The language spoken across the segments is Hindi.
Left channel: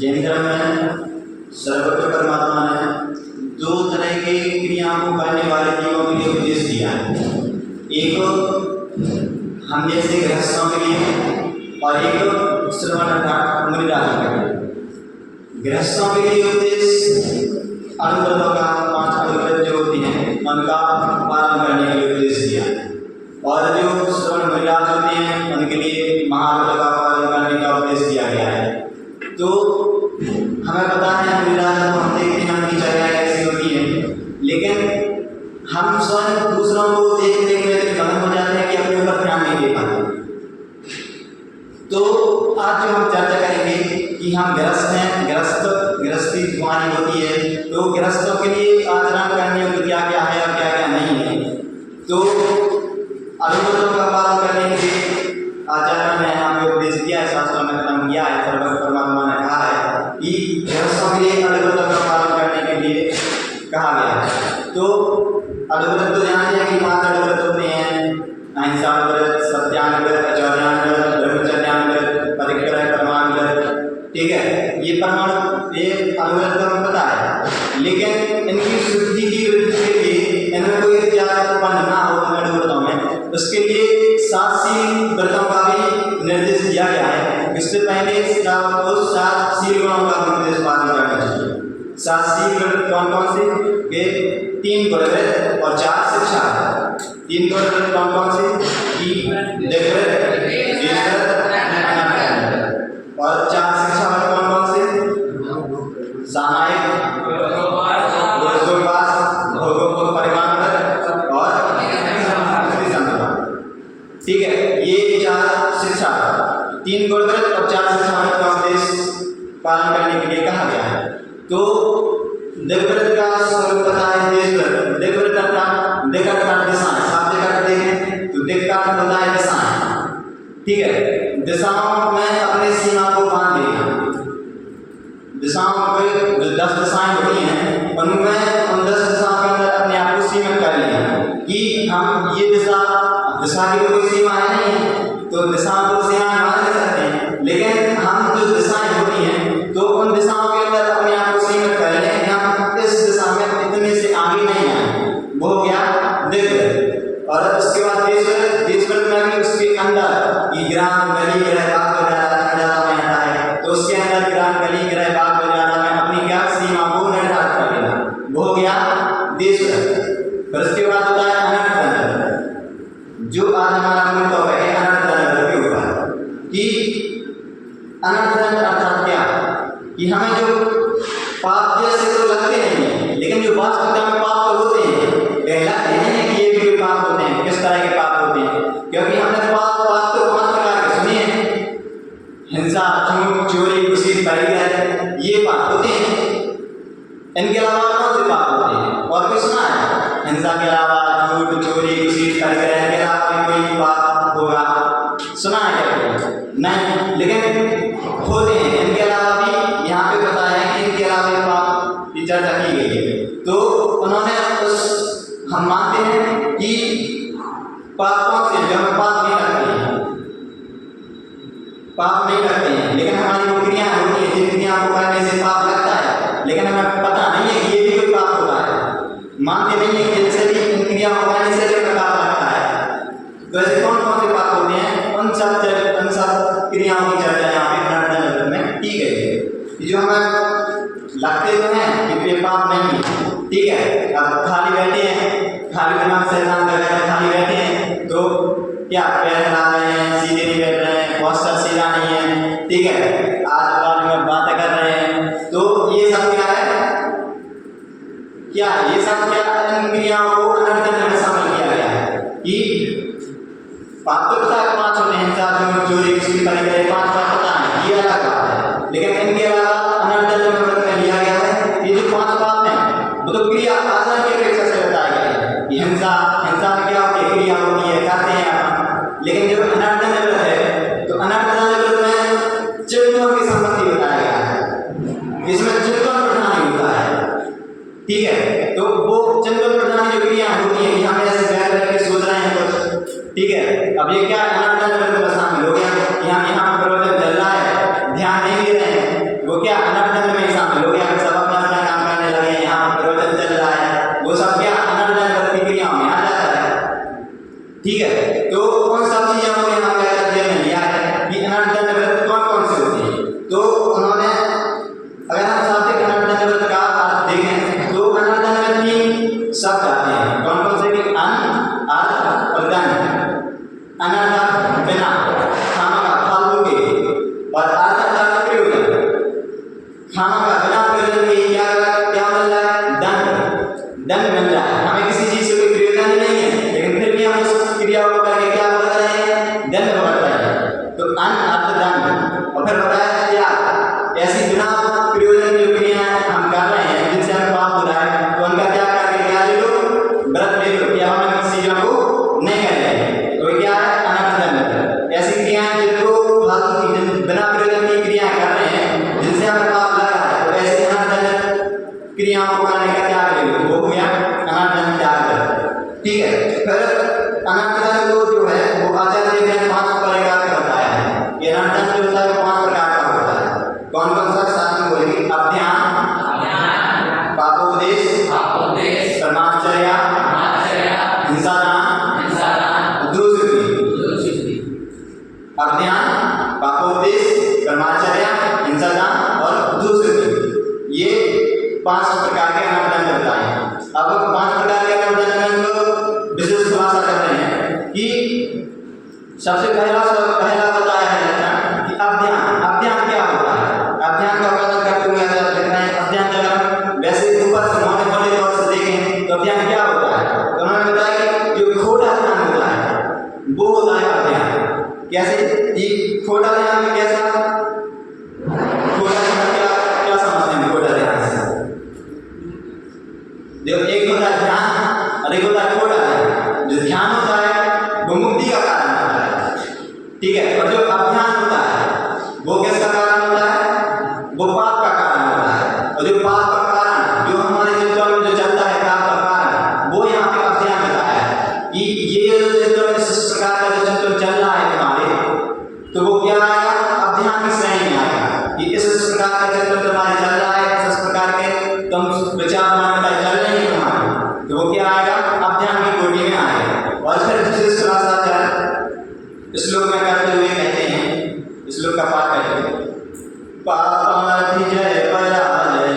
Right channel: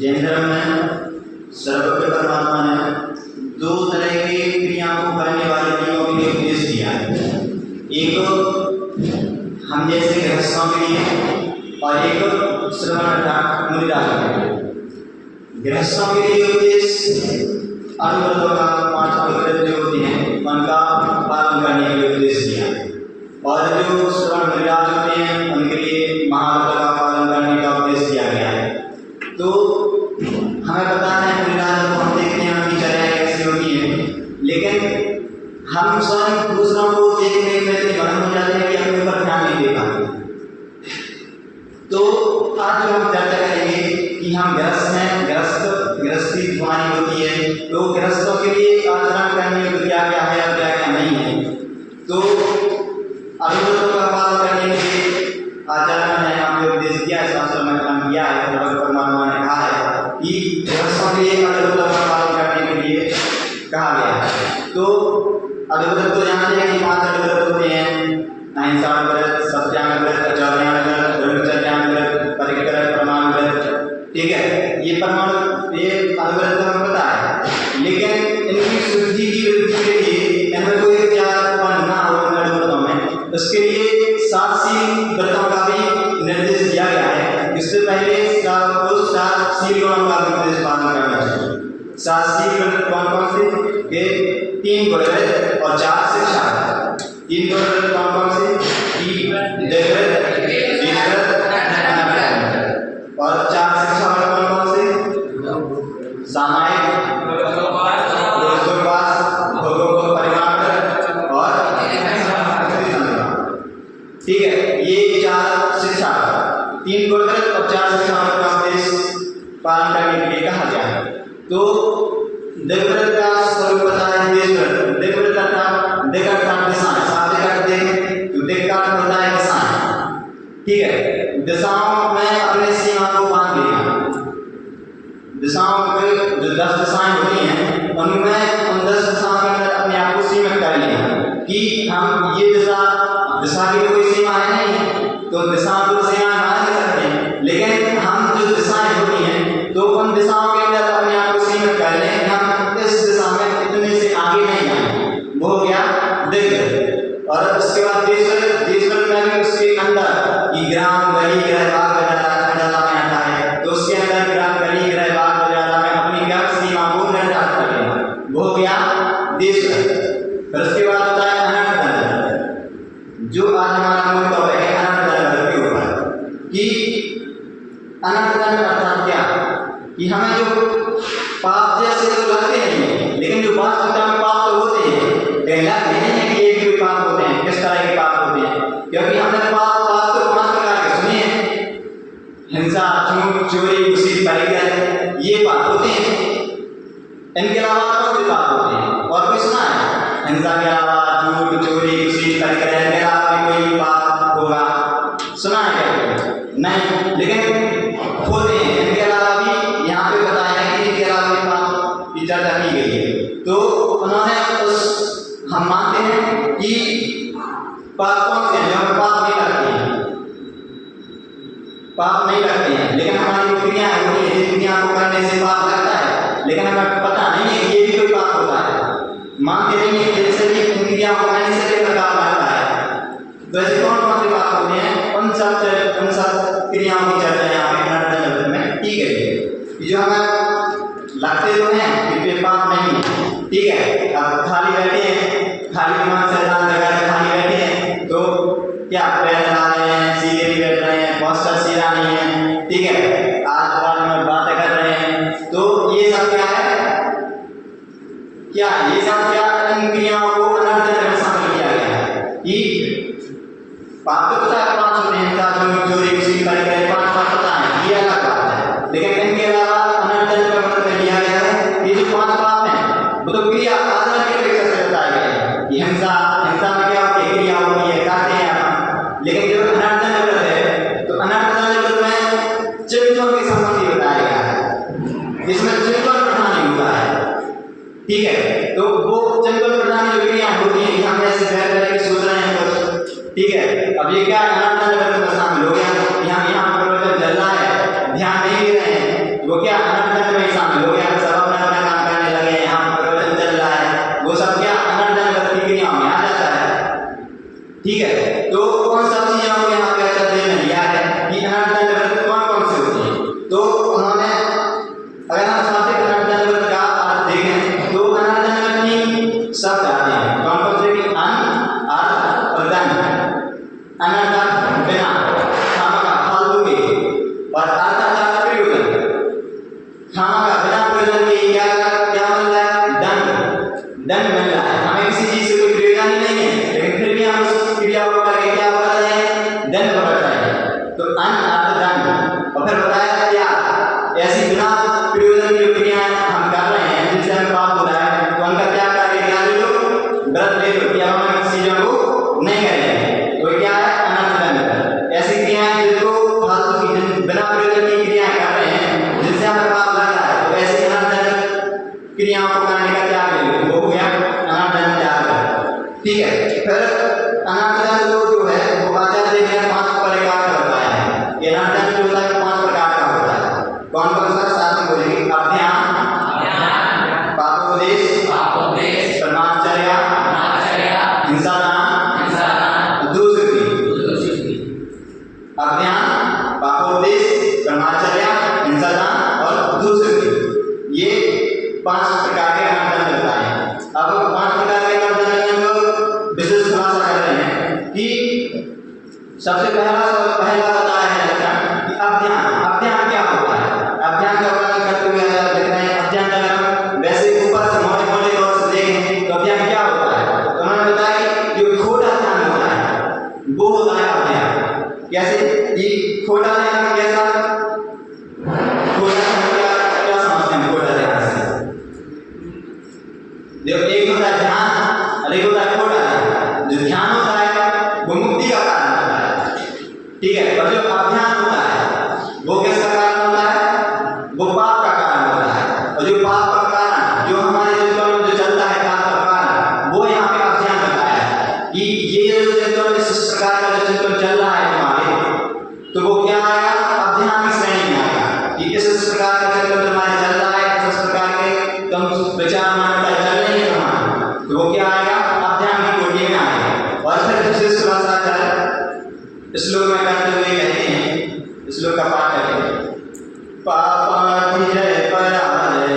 जैन धर्म में सर्वज्ञ परमात्मा ने दो तरह की क्रियाओं को करने वाले जीवों के लिए उपदेश दिया है। एक हम जैसे गृहस्थों के लिए और एक श्रवण अर्थात मुनिराजों के लिए। गृहस्थों के लिए उपदेश अनुव्रतों का 5 अनुव्रत जो होती हैं उनका पालन करने के लिए उपदेश दिया है, और जो श्रवण मुनिराज होते हैं उनके लिए महाव्रतों का पालन करने का उपदेश दिया गया है। तो हमें पता है मुनिराज को हम देखते हैं उनकी चर्याएं कैसी होती है, लेकिन हम स्वयं दूसरों को देखने में इतने मगन हो जाते हैं कि अपने ऊपर ध्यान नहीं दे पाते। तो आज जो हम चर्चा करेंगे कि हम गृहस्थ हैं, गृहस्थी हमारी होती है, तो गृहस्थों के लिए आचरण करने योग्य क्या क्या है और क्या क्या नहीं है। तो अनुव्रतों का पालन करने के लिए आचार्य ने हमें उपदेश दिया है, शास्त्रों में कथन किया है। सर्वज्ञ परमात्मा ने कहा है कि गृहस्थों के लिए अनुव्रतों का पालन करने के लिए कहा गया है। तो अनुव्रत तो जानते हैं कि 5 अनुव्रत होते हैं: अहिंसानुव्रत, सत्यानुव्रत, आचर्यानुव्रत, ब्रह्मचर्यानुव्रत, परिग्रह, परमानुव्रत। ठीक है, ये अनुव्रत तो हमें पता है, लेकिन इनकी शुद्धि की वृद्धि के लिए इनमें कोई विचार उत्पन्न ना हो अनुव्रतों में, उसके लिए 7 शील व्रतों का भी निर्देश दिया गया है। इससे पहले 7 शील गुणों का निर्देश पालन करना चाहिए। 7 शील व्रत कौन कौन से? के 3 गुणव्रत और 4 शिक्षा। 3 गुणव्रत कौन कौन से? कि देवव्रत, द्विव्रत, अनव्रत। और 4 शिक्षा में कौन कौन से? सामायिक, रोजोपास, भोगोपभोग परिमाण और संविधान। ठीक है, ये 4 शिक्षा, 3 गुणव्रत और 4 शिक्षा का उपदेश पालन करने के लिए कहा गया है। तो देवव्रत का स्वरूप पता है, देशव्रत। देवव्रत अर्थात दिक अर्थात दिशाएं, शाब्दिक अर्थ देखें तो दिक का अर्थ होता है दिशाएं। ठीक है, दिशाओं में अपने सीमा को बांध देना। दिशाओं में जो 10 दिशाएं होती हैं उनमें उन 10 दिशाओं के अंदर अपने आप को सीमित कर लेना कि हम ये दिशा की कोई सीमा है नहीं, तो दिशाओं को सीमाएं मान नहीं सकते, लेकिन हम जो दिशाएं होती हैं तो उन दिशाओं के अंदर अपने आप को सीमित कर लें कि हम इस दिशा में इतने से आगे नहीं आए। वो हो गया दिग्व्रत। और उसके बाद देशव्रत। देशव्रत में भी उसके अंदर ये ग्राम, गली, गृह, बाग, बाजार में आता है, तो उसके अंदर ग्राम, गली, गृह, बाग, बाजार में अपनी क्या सीमा को निर्धारित कर लेना, वो हो गया देशव्रत। फिर उसके बाद होता है अनर्थ, जो आज हमारा मूल टॉपिक है, अनर्थ के ऊपर। कि अनर्थ अर्थात क्या? कि हमें जो पाप जैसे तो लगते नहीं है, लेकिन जो वास्तविकता में पाप तो होते हैं, लगते हैं कि ये भी कोई पाप होते हैं। किस तरह के पाप होते हैं? क्योंकि हमने पाप तो 5 प्रकार के सुने हैं: हिंसा, झूठ, चोरी, घूसी, परिग्रह, ये पाप होते हैं। इनके अलावा कौन से पाप होते हैं? और कोई सुना है? हिंसा के अलावा झूठ, चोरी, घूसी, परिग्रह के अलावा कोई पाप होगा? सुना है क्या? नहीं, लेकिन होते हैं। इनके अलावा भी यहाँ पे बताया है कि इनके अलावा भी पाप की चर्चा की गई है। तो उन्होंने हम मानते हैं कि पाप कौन से हैं? जो हमें पाप नहीं लगते हैं, पाप नहीं लगते हैं, लेकिन हमारी वो क्रियाएं होती हैं क्रिया को करने से पाप लगता है, लेकिन हमें पता नहीं है कि ये भी कोई पाप होता है, मानते नहीं है कि जैसे भी इन क्रिया को करने से भी पाप लगता है। तो ऐसे कौन कौन से पाप होते हैं, उन सब क्रियाओं की चर्चा यहाँ पे पुनर्जन्म में की गई है। जो हमें लगते तो हैं कि ये पाप नहीं है, ठीक है, अब खाली बैठे हैं, खाली दिमाग से खाली बैठे हैं तो क्या पैर हिला रहे हैं, सीधे नहीं बैठ रहे हैं, पोस्टर सीधा नहीं है, ठीक है, आज बात में बातें कर रहे हैं, तो ये सब क्या है, क्या ये सब क्या इन क्रियाओं को पुनर्जन्म में शामिल किया गया है कि पाप तो पता है 5 होते हैं, हिंसा, चोरी, किसी परिकर 5 पाप पता है, ये अलग बात है, लेकिन इनके अलावा पुनर्जन्म में लिया गया है ये जो 5 पाप हैं वो तो क्रिया आचरण की अपेक्षा से बताया गया है कि हिंसा में क्या होती है, क्रिया होती है, करते हैं अपन, लेकिन जो अनर्थन व्रत है तो अनर्थन व्रत में चिंतन के संबंधी बताया गया है, इसमें चिंतन प्रधान होता है, ठीक है, तो वो चिंतन प्रधान जो क्रिया होती है, हम ऐसे बैठ के सोच रहे हैं कुछ, ठीक है, अब ये क्या अनर्थन व्रत में शामिल हो गया, यहाँ प्रवचन चल रहा है, ध्यान नहीं दे रहे हैं, वो क्या अनर्थन में शामिल हो गया, सब अपना अपना काम करने लगे, यहाँ प्रवचन चल रहा है, वो सब क्या अनर्थन व्रत की क्रिया में आ जाता है, ठीक है, तो कौन सब चीजों को यहाँ पे अध्ययन में लिया है कि अनर्थन व्रत कौन से होती है, तो उन्होंने अगर हम चाहते हैं अनर्थन व्रत का अर्थ देखें तो अनर्थन व्रत 3 शब्द आते हैं, कौन से कि अन, अर्थ और दंड। अनर्थ बिना, खामका फालतू के, और अर्थ प्रयोजन, खामका बिना प्रयोजन के क्या मिल रहा है, दंड मिल रहा है, हमें किसी चीज से कोई प्रयोजन ही नहीं है, लेकिन फिर भी हम उस क्रिया को करके क्या कर रहे हैं, दंड भुगत रहे हैं, तो अन, अर्थ, दंड। और फिर बताया क्या ऐसी बिना प्रयोजन की जो क्रियाएं हम कर रहे हैं जिनसे हमें पाप हो रहा है, तो उनका क्या करके क्या ले लो, व्रत ले लो कि अब हम किसी चीजों को नहीं करेंगे, तो क्या है अनर्थन। ऐसी क्रियाएं जिनको फालतू की बिना प्रयोजन की क्रियाएं कर रहे हैं जिनसे हमें पाप लग रहा है, तो ऐसी अनर्थन क्रियाओं को करने का त्याग ले लो, वो हो गया अनर्थन त्याग, ठीक है। फिर अनर्थन को जो है वो आचार्य देव ने 5 प्रकार का बताया है, ये अनर्थन जो होता है 5 प्रकार का होता है, कौन कौन सा साथ में बोलेंगे, अभ्याम, पापोपदेश, ब्रह्मचर्य, हिंसादान, अज्ञान, पापोपदेश, ब्रह्मचर्य, हिंसादान और दूसरी, ये 5 प्रकार के अनर्थन बताए हैं। अब 5 प्रकार के अनर्थन को विशेष खुलासा कर रहे हैं कि सबसे पहला बताया है कि अध्ययन क्या होता है, अध्ययन का वर्णन करते हुए लिख रहे हैं, अध्ययन अगर हम वैसे ऊपर से मोटे तौर से देखें तो अध्ययन क्या होता है, तो उन्होंने बताया कि जो खोटा ध्यान होता है वो होता है अध्ययन। कैसे, ये खोटा ध्यान में कैसा, खोटा ध्यान क्या समझते हैं खोटा ध्यान से, देखो एक होता है ध्यान और एक होता है खोटा ध्यान। जो ध्यान होता है वो मुक्ति का कारण होता है, ठीक है, और जो अज्ञान होता है वो किसका कारण होता है, वो पाप का कारण होता है, और जो पाप का कारण जो हमारे चिंतन में जो चलता है पाप का कारण, वो यहाँ पे अज्ञान बताया है कि ये जो चिंतन इस प्रकार का जो चिंतन चल रहा है तुम्हारे, तो वो क्या आएगा, अध्ययन की श्रेणी में आएगा कि इस प्रकार का चिंतन तुम्हारे चल रहा है, इस प्रकार के तुम विचार मान्यता चल रही है तुम्हारी, तो वो क्या आएगा, अध्ययन की कोटि में आएगा। और फिर दूसरे श्लोकाचार्य श्लोक में करते हुए कहते हैं, श्लोक का पाठ करते हैं, पापाधिजय पराजय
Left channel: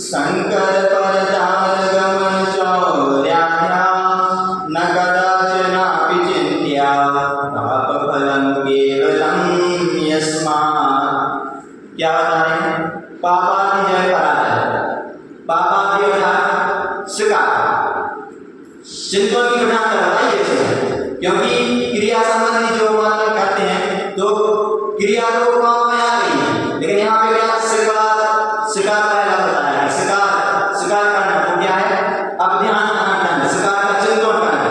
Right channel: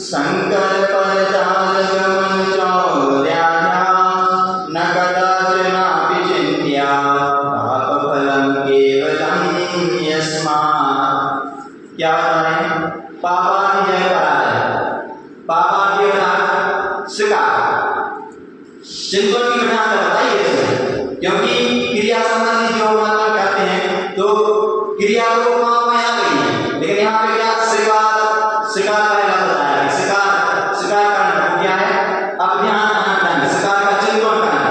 शंकर परदान गमन चौर्याध्या न कदाचनापि चिन्त्या पाप फलं केवलं यस्मात्। क्या बता रहे हैं, पापाधिजय पराजय, पापादि अर्थात शिकार, चिंतन की प्रधानता बताइए इसमें, क्योंकि क्रिया संबंधी जो मतलब करते हैं तो क्रिया तो पाप में आ गई है, लेकिन यहाँ पे क्या शिकार पहला बताया है, शिकार करना वो क्या है, अज्ञान अनर्थन, शिकार का चिंतन करना,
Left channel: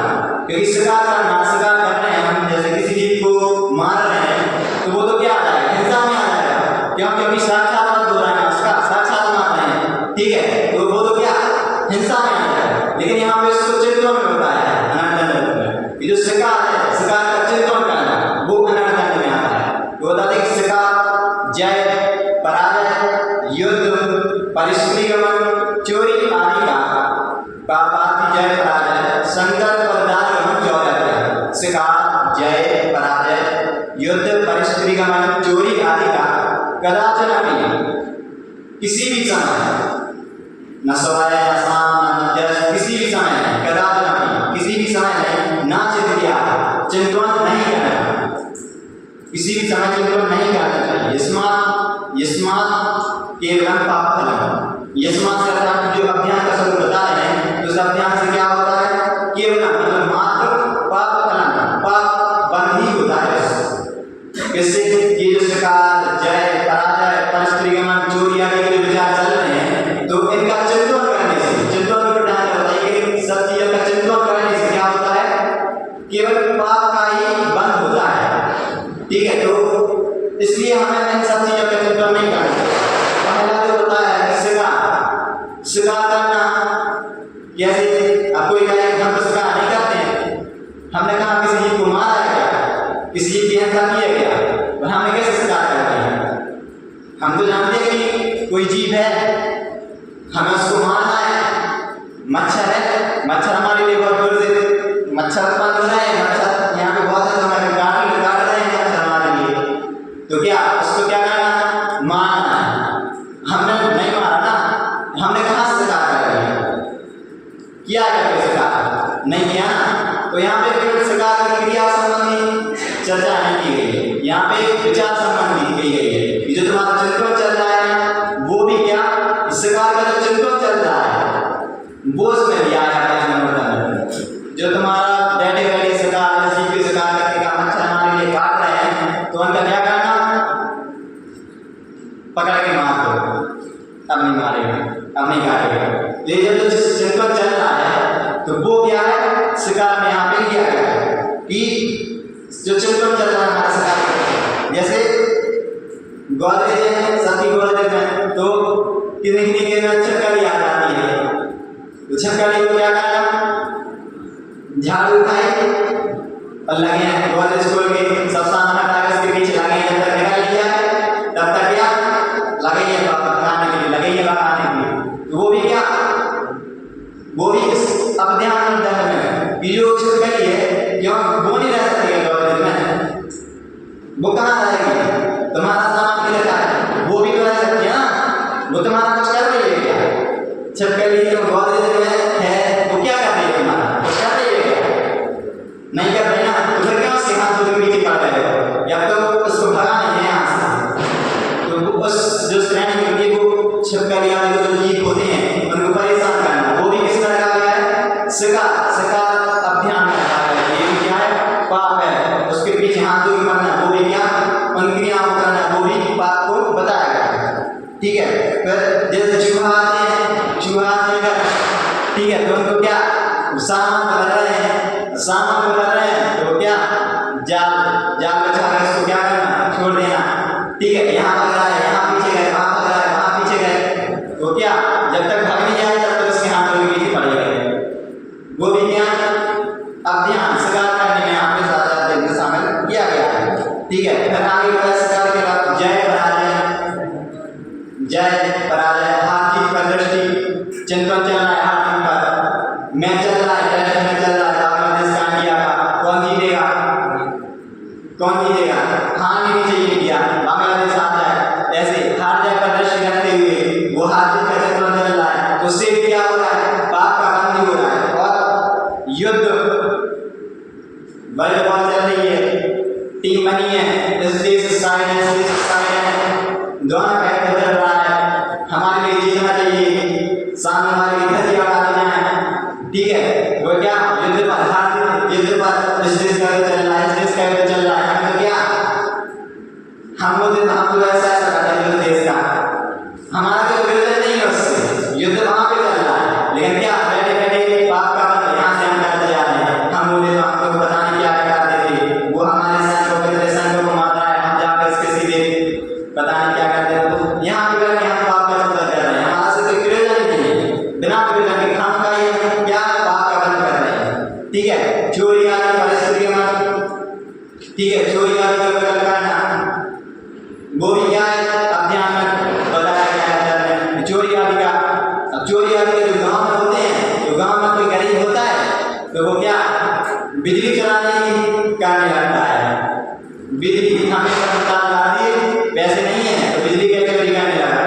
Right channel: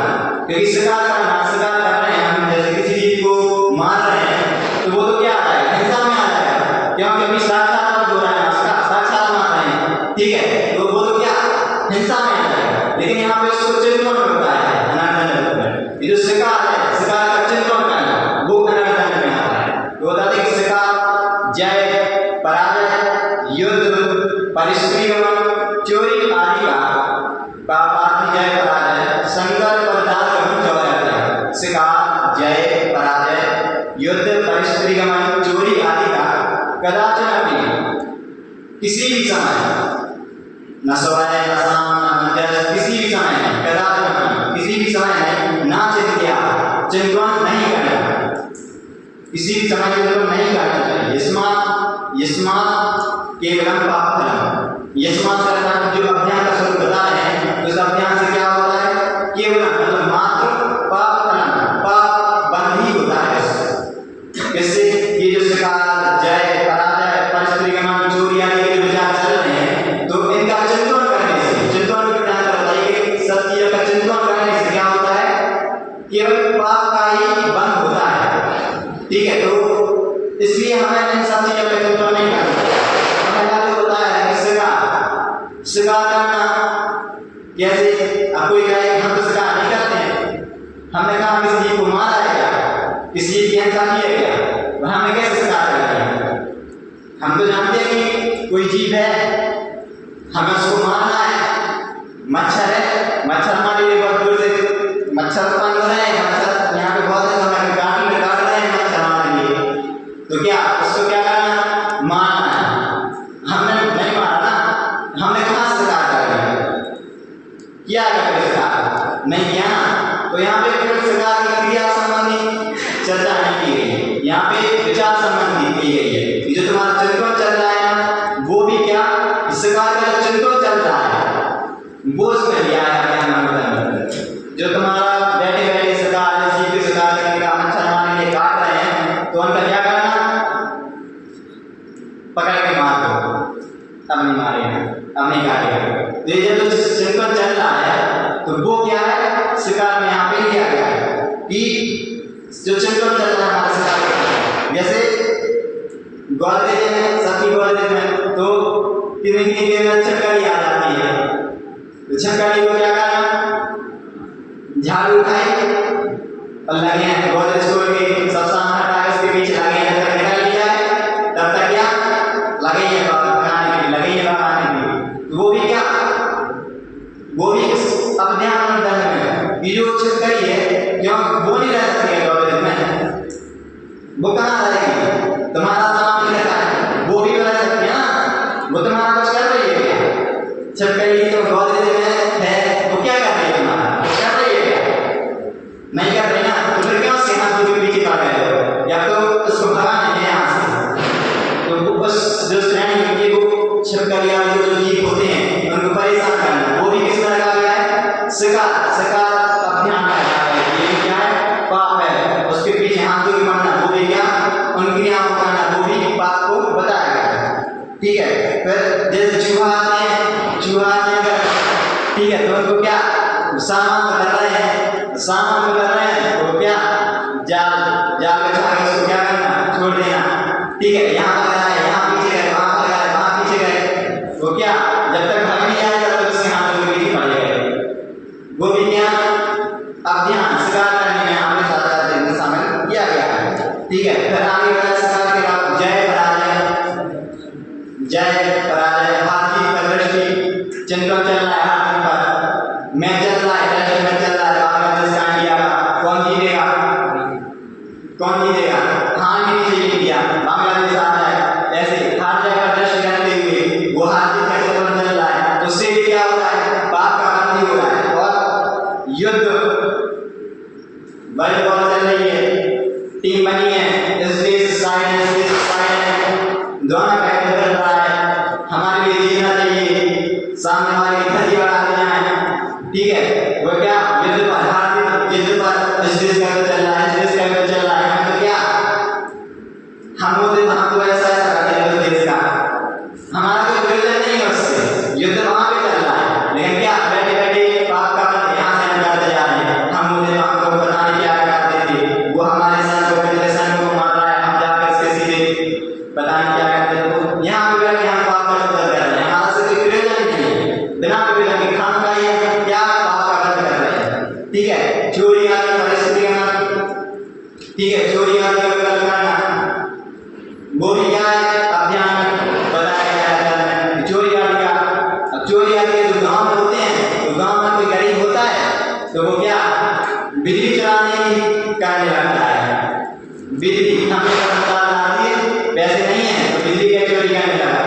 क्योंकि शिकार कर रहे हैं हम, जैसे किसी चीज को मार रहे हैं तो वो तो क्या आ जाएगा, हिंसा में आ जाएगा, क्योंकि साक्षात मत हो रहा है उसका, साक्षात मार रहे हैं, ठीक है, तो वो तो क्या हिंसा में आ जाएगा, लेकिन यहाँ पे उसको चिंतन में बताया है अनर्थन में, ये जो शिकार है, शिकार का चिंतन करना वो अनर्थन में आता है, तो बता दें शिकार जय पराजय, युद्ध, परिस्त्रीगमन, चोरी आदि का पापार्थी जय पराजय, संकल्प और दानगमन 14 अध्याय। शिकार, जय पराजय, युद्ध, परिस्त्रीगमन, चोरी आदि का कदाचन अपनी किसी भी समय न सवाय न शाम न मध्यस्थ, किसी भी समय नहीं, कदाचन अपनी किसी भी समय नहीं, ना चिंत किया, चिंतन नहीं करना, किसी भी समय चिंतन नहीं करना चाहिए। यस्मात् केवलम पाप फलम, यस्मात् से अर्थात जो अभियान का स्वरूप बता रहे हैं, तो उस अभियान से क्या होता है? केवलम मतलब मात्र पाप फलम, पाप बंद ही होता है। इससे ये जो शिकार, जय पराजय, परिस्त्रीगमन, चोरी आदि के विचार चल रहे हैं, तो इनका चिंतन करने से, चिंतन में ध्यान रखिए कि सब चीजों का चिंतन करने से क्या होता है? केवल पाप का ही बंद होता है। ठीक है, तो इसलिए हमें इन सब चीजों का चिंतन नहीं करना चाहिए। पहला जो होता है शिकार करना, कैसे? अब कोई कहे हम तो शिकार नहीं करते हैं, हमने कहा किसी जीव को मारा है क्या, किसी जीव की हिंसा की है क्या, तो हमने कैसे शिकार कर दिया? हम तो जानते हैं कि कोई जीव है, हमें उसको मारना है। मच्छर है, मच्छर हमारे लिए बहुत दूर से मच्छर उत्पन्न हो रहे हैं, मच्छर यहाँ पे बहुत है, तो हमें काट रहे हैं मच्छर हमारे लिए, तो क्या उसको क्या करना? मारना है। हमने नहीं मारा ना, हमने कहाँ से शिकार कर किया है? शिकार नहीं किया ना, तो यहाँ पे केवल शिकार की क्रिया संबंधी चर्चा नहीं की गई है, यहाँ पे विचार संबंधी की गई है। जो तुम्हारा चिंतन चल रहा है ना, वो भी क्या शिकार का जो चिंतन चल रहा है वो उसमें भी आया है। जो तुम्हारा बैठे बैठे शिकार, जीव के शिकार करने का, मच्छर हमारे लिए काट रहे हैं, तो उनका क्या करना? पकड़ के मार दो, अब नहीं मारेगा, अब नहीं काटेगा। ये जब चिंतन चल रहा है तो वो क्या है? शिकार में यहाँ पे लिया गया है कि जो चिंतन चल रहा है हमारा शिकार। जैसे गोदरेज है, सबकी गोदरेज में तो कितनी के छिपकली आ जाती है, तो छिपकली को क्या करना? झाड़ू उठाएंगे और लगे हैं गोदरेज खोल के, सब सामान हटा के उसके बीच लगे हैं, अंदर निकाल लिया है, तब तक क्या लगे ही है भगाने के लिए, लगे ही है भगाने के लिए। तो वो भी क्या, वो भी इस अभियान में दंड में कि जो छिपकली है, क्यों वो नहीं रह सकती है गोदरेज में, वो कहाँ रहेगी? तुम्हारा सामान भी रखा है, वो भी तो रह सकती है ना, वो तुम्हारा कुछ कर रही है क्या? छिपकली जो गोदरेज में है वो क्या कर रही है? तुम्हारा कुछ कर रही है क्या? नहीं कर रही ना, तो फिर क्यों उसके हाथ के पीछे पड़ गए हो? या तो उसको भगा नहीं है यहाँ से, तो उस जो श्रेणी में ये वो छिपकली आदि जो जीव होते हैं उनको परेशान करना, वो भी किस तरह का गया है? शिकार अभियान का है। ये भी क्या है? पाप है। उसके पीछे हाथ धो के मरना, वो भी क्या? उन क्रियाओं को करना, वो भी पाप को बताया गया है। ठीक है, फिर जैसे चूहा आते हैं, ठीक है, तो उनको क्या सामान कर रहे हैं, तो क्या जाल बिछा के उसको क्या करना? छोड़ देना। ठीक है, यहाँ भाग रहा है, यहाँ पीछे गए, वहाँ भाग रहा है, वहाँ पीछे गए, वो क्या जब तक भाग नहीं जाए तब तक उसके हाथों के पीछे पड़ जाएगा। वो भी क्या अभियान शिकार करने में यहाँ पे साथ शामिल किया गया है। ठीक है, फिर आगे बढ़ा शिकार के बाद जय पराजय, हार जीत पर दृष्टि, चिंतन चल रहा है, हार जीत पर मैच चल रहा है, टेस्ट मैच चल रहा है, बांग्लादेश का इंडिया का, कौन जीतेगा? हार नहीं चाहिए इंडिया, बांग्लादेश आ जाए, ऐसे हार जाए पर दृष्टि रखते हुए वो हार जीत का चिंतन चल रहा है, तो उससे भी क्या हो रहा है? पाप का बंदी हो रहा है। और युद्ध वर्ल्ड वॉर चल रही है, टीम बनी है, इस देश साइड है, दोनों बैठ कर रहा है, हमारे लिए जीतना चाहिए, सामने वाले की धज्जी उड़ाते जाए। ठीक है, वो क्या युद्ध पर इस देश का युद्ध चल रहा है, इस देश का युद्ध चल रहा है, हम तो क्या हमको ऐसा करते हैं उस देश का, हमारा कोई प्रयोजन नहीं है उससे, युद्ध वहाँ पे चल रहा है, लेकिन क्या बैठे बैठे पाप का बंद यहाँ से हम करते जा रहे हैं। हम बोले तो हमको पता नहीं क्या करते थे, वो हमारे सैनिकों को मार रहा है, हम जाकर इसके सीधे पता नहीं क्या करते हैं, तो यहाँ पे बैठ के हम पाप का चिंतन कर रहे हैं, हमारा से कोई प्रयोजन नहीं है, बिना प्रयोजन के खाम का ये क्या पाप का बंद कर रहे हैं। ठीक है, चोरी आदि परिस्त्रीगमन, ठीक है, चोरी आदि का विकल्प करना, वो भी क्या है? अभियान में होती है, जो गांव में होते हैं, तो गांव में कोई गरीब होता है तो वो क्या बिजली चलाने की करने लगता है, बिजली हमें तार दिए, पैसे नहीं है तो बिजली का चोरी करने लगा।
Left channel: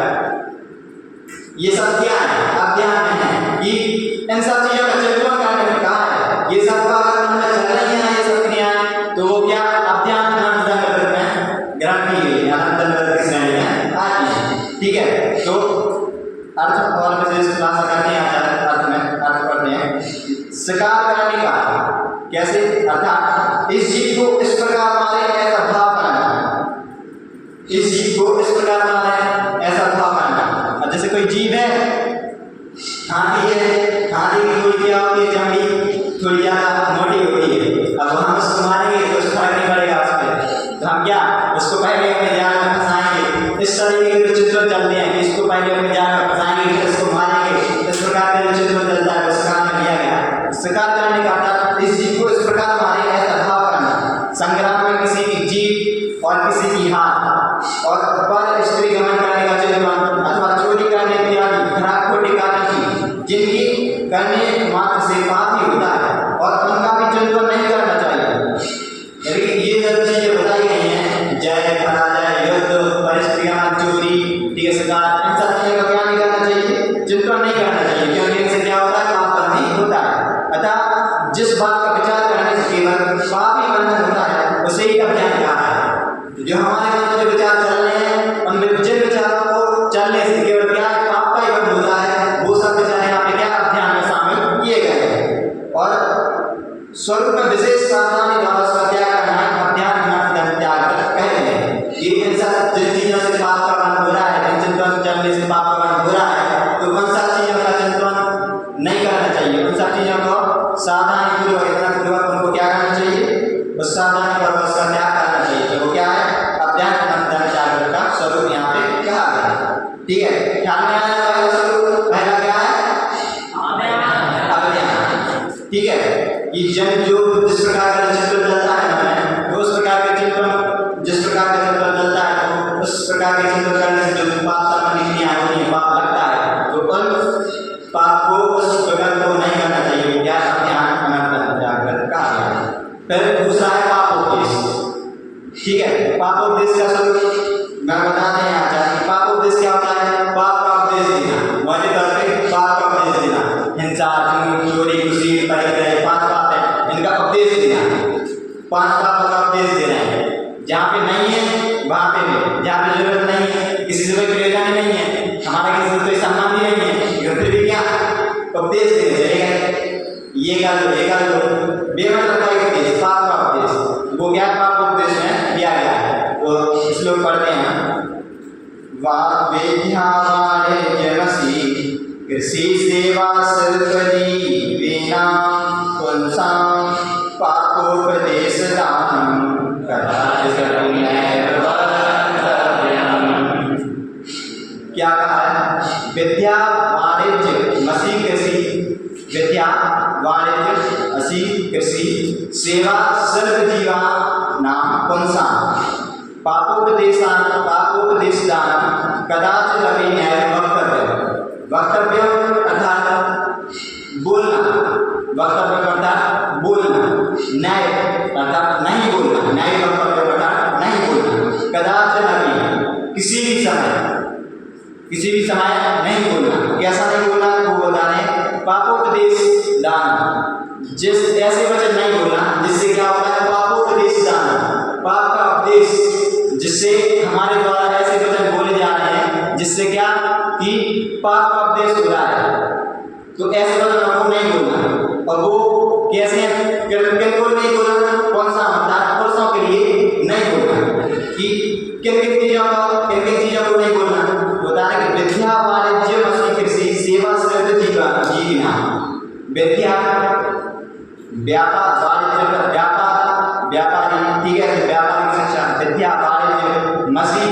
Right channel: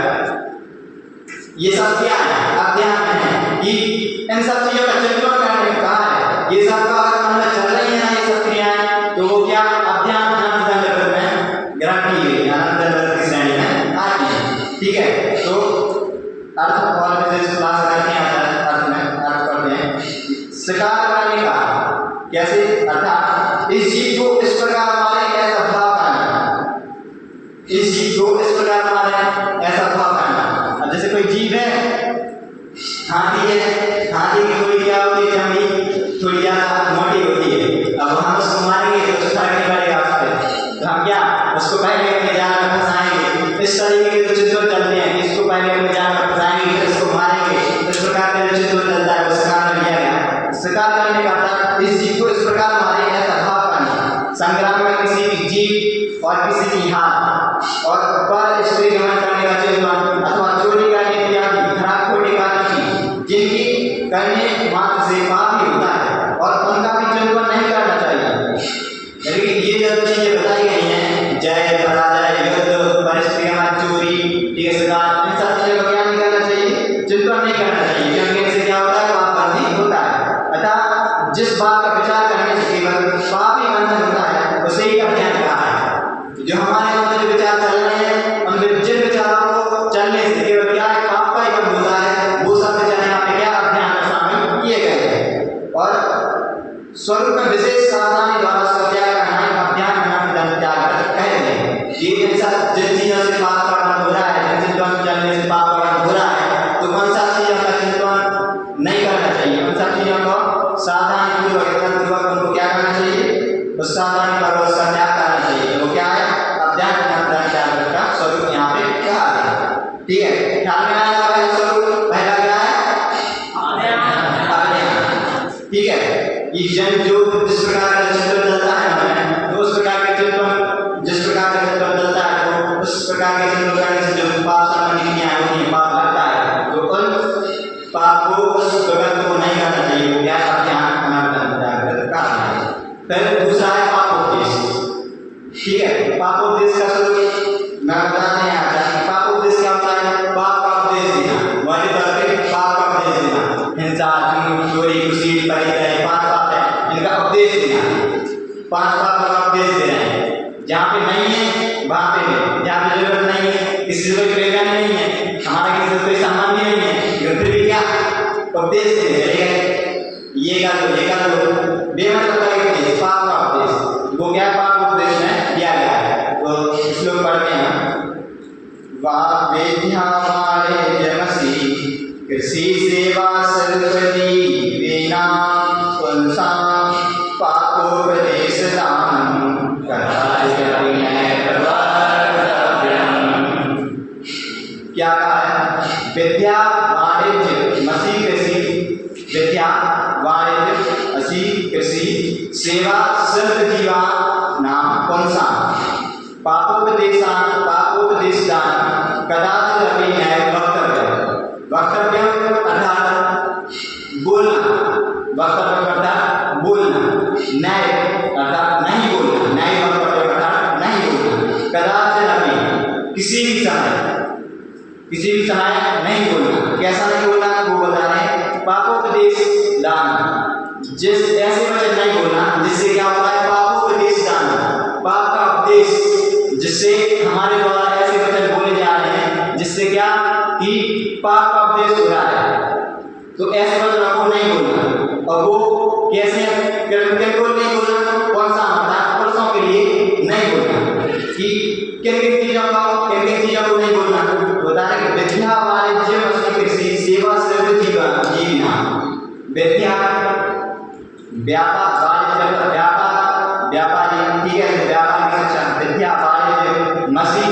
ये सब क्या है अध्ययन में है कि इन सब चीजों का चिंतन करने में कहा है, ये सब का अगर मन में चल रही है ना ये सब क्रियाएं, तो वो क्या अध्ययन में ग्रहण की गई अनंत की श्रेणी में आती है। ठीक है, तो अर्थ और विशेष क्लास करते हैं, अर्थ में अर्थ करते हैं। शिकार करने का कैसे, अर्थात इस जीव को इस प्रकार मारे ऐसा भाव करना, इस जीव को इस प्रकार मारे ऐसा भाव करना। अब जैसे कोई जीव है, हाथी है, हाथी की थोड़ी क्या होती है, चमड़ी थोड़ी ज्यादा मोटी होती है। अब हम उसको मारेंगे तो उसको फर्क नहीं पड़ेगा उस पर, तो हम क्या उसको पहले अपने जाल में फंसाएंगे। इस तरीके के जो चित्र चलते हैं कि इसको पहले अपने जाल में फंसाएंगे फिर इसको मारेंगे, इस प्रकार का जो चित्र चलता है उस काम में लिया गया है। शिकार करने का अर्थ इस जीव को इस प्रकार मारे ऐसा भाव करना। संग्राम में किसी भी जीव और किसी की हाथ और पर स्त्री गमन करने का चिंतन अथवा चोरी करने इत्यादि खराब खोटी कार्य की जिनकी करने मात्र से पाप ही होता है और उनका भी चिंतन नहीं करना चाहिए। लेकिन ये जो चीजें बताई गई हैं, जय पराजय युद्ध परिस्थिति गमन चोरी, ठीक है, शिकार, इन सब चीजों का क्या नहीं करना चाहिए, चिंतन नहीं करना चाहिए, क्योंकि इनसे क्या होता है पाप बंदी होता है। अतः जिस बात का विचार करने से केवल पाप ही बंधन होता है उसे ही अध्ययन कहा है। जो हमारे मन में जो विचार चल रहे हैं उन जिन विचारों को चलने से केवल क्या है पाप का ही बंध होता है, वो सब विचार यहाँ पे क्या अध्ययन में शामिल किए गए हैं। और स्वरूप में विशेष सावधानी द्वारा उसका त्याग करना है, अध्ययन त्याग कहते हैं। ये जिन चीजों से पाप का बंध हो रहा है, जिन चिंतन चलने से पाप का बंध हो रहा है, तो उन सब चीजों का चिंतन नहीं करना चाहिए, उन सब चीजों को सावधानी पूर्वक उनको क्या करना चाहिए, उस सावधानी पूर्वक उसका त्याग करना चाहिए। तो वो क्या है अध्यात्म त्याग का स्वरूप यहाँ पे कहा गया। ठीक है, ख्याल में आने वाला स्वरूप पहला क्या है अध्ययन। ठीक है, ये जन जो जिस प्रकार का चित्र चलता है हमें, तो उस प्रकार के चित्र जिस प्रकार का चित्र चलता है तो उस प्रकार के चित्र करने से जो पाप संबंधी क्रियाएं होती है, पाप लगता है, तो उन पाप को उस प्रकार को नहीं करना चाहिए, वो क्या अध्ययन अनंत का है। फिर दूसरा है पापोपदेश। ठीक है, पापोपदेश का स्वरूप मैं बताते हैं आचार्य। पापोपदेश क्या होता है, पाप का उपदेश देना, वाले तौर पे पाप का उपदेश देना, हिंसा झूठ चोरी कुशील परिग्रह 5 पाप है, इनका उपदेश देना, 5 पापों का उपदेश दे रहे हैं। जहाँ पे नहीं है वहाँ पे भी, जहाँ पे जरूरत नहीं है, किसी से कोई प्रेरणा नहीं है, हमारा किसी से कोई संबंध ही नहीं है, फिर भी क्या उपदेश देने चलेगा, ये कर लो बेमतलब का उपदेश, पाप का उपदेश, वो क्या पाप उपदेश में दिया गया है। तो श्लोक पढ़ते हैं, वेद्या वाणिज्यमसि कृषि सेवा सर्वजीवेना पुंसा पापोपदेश दानम क्या कहा है, विद्या वाणिज्य मसी कृषि, विद्या वाणिज्य असी कृषि सेवा सर्वजीवा नाम पुंसा पापोपदेश दान कदाचित अपि न्याय वक्तव्य अर्थात बोलना, वक्तव्य अर्थात बोलना, न्याय अर्थात नहीं बोलना, न्याय वक्तव्य अर्थात नहीं बोलना, कदाचित अपि किसी भी समय नहीं बोलना। कैसा नहीं बोलना वो बता रहे हैं, पापोपदेश दान, जिस ऐसे वचन नहीं बोलना जिससे क्या होता है पापोपदेश दान, पाप का उपदेश, जिससे हमारे द्वारा ऐसे वचन बोले जा रहे हैं जिससे क्या कि पाप का उपदेश हो रहा है, तो ऐसे वचन को नहीं बोलना। और वो कैसे बिल्कुल नहीं बोलना, कौन सा मतलब पुरुषों के लिए नहीं बोलना कि किन किन चीजों को नहीं बोलना, बता रहे कि विद्या वाणिज्य मसी कृषि सेवा सर्वजीविना, विद्या व्यापार वाणिज्य व्यापारी, ठीक है, व्यापार की शिक्षा, विद्या वाणिज्य मसी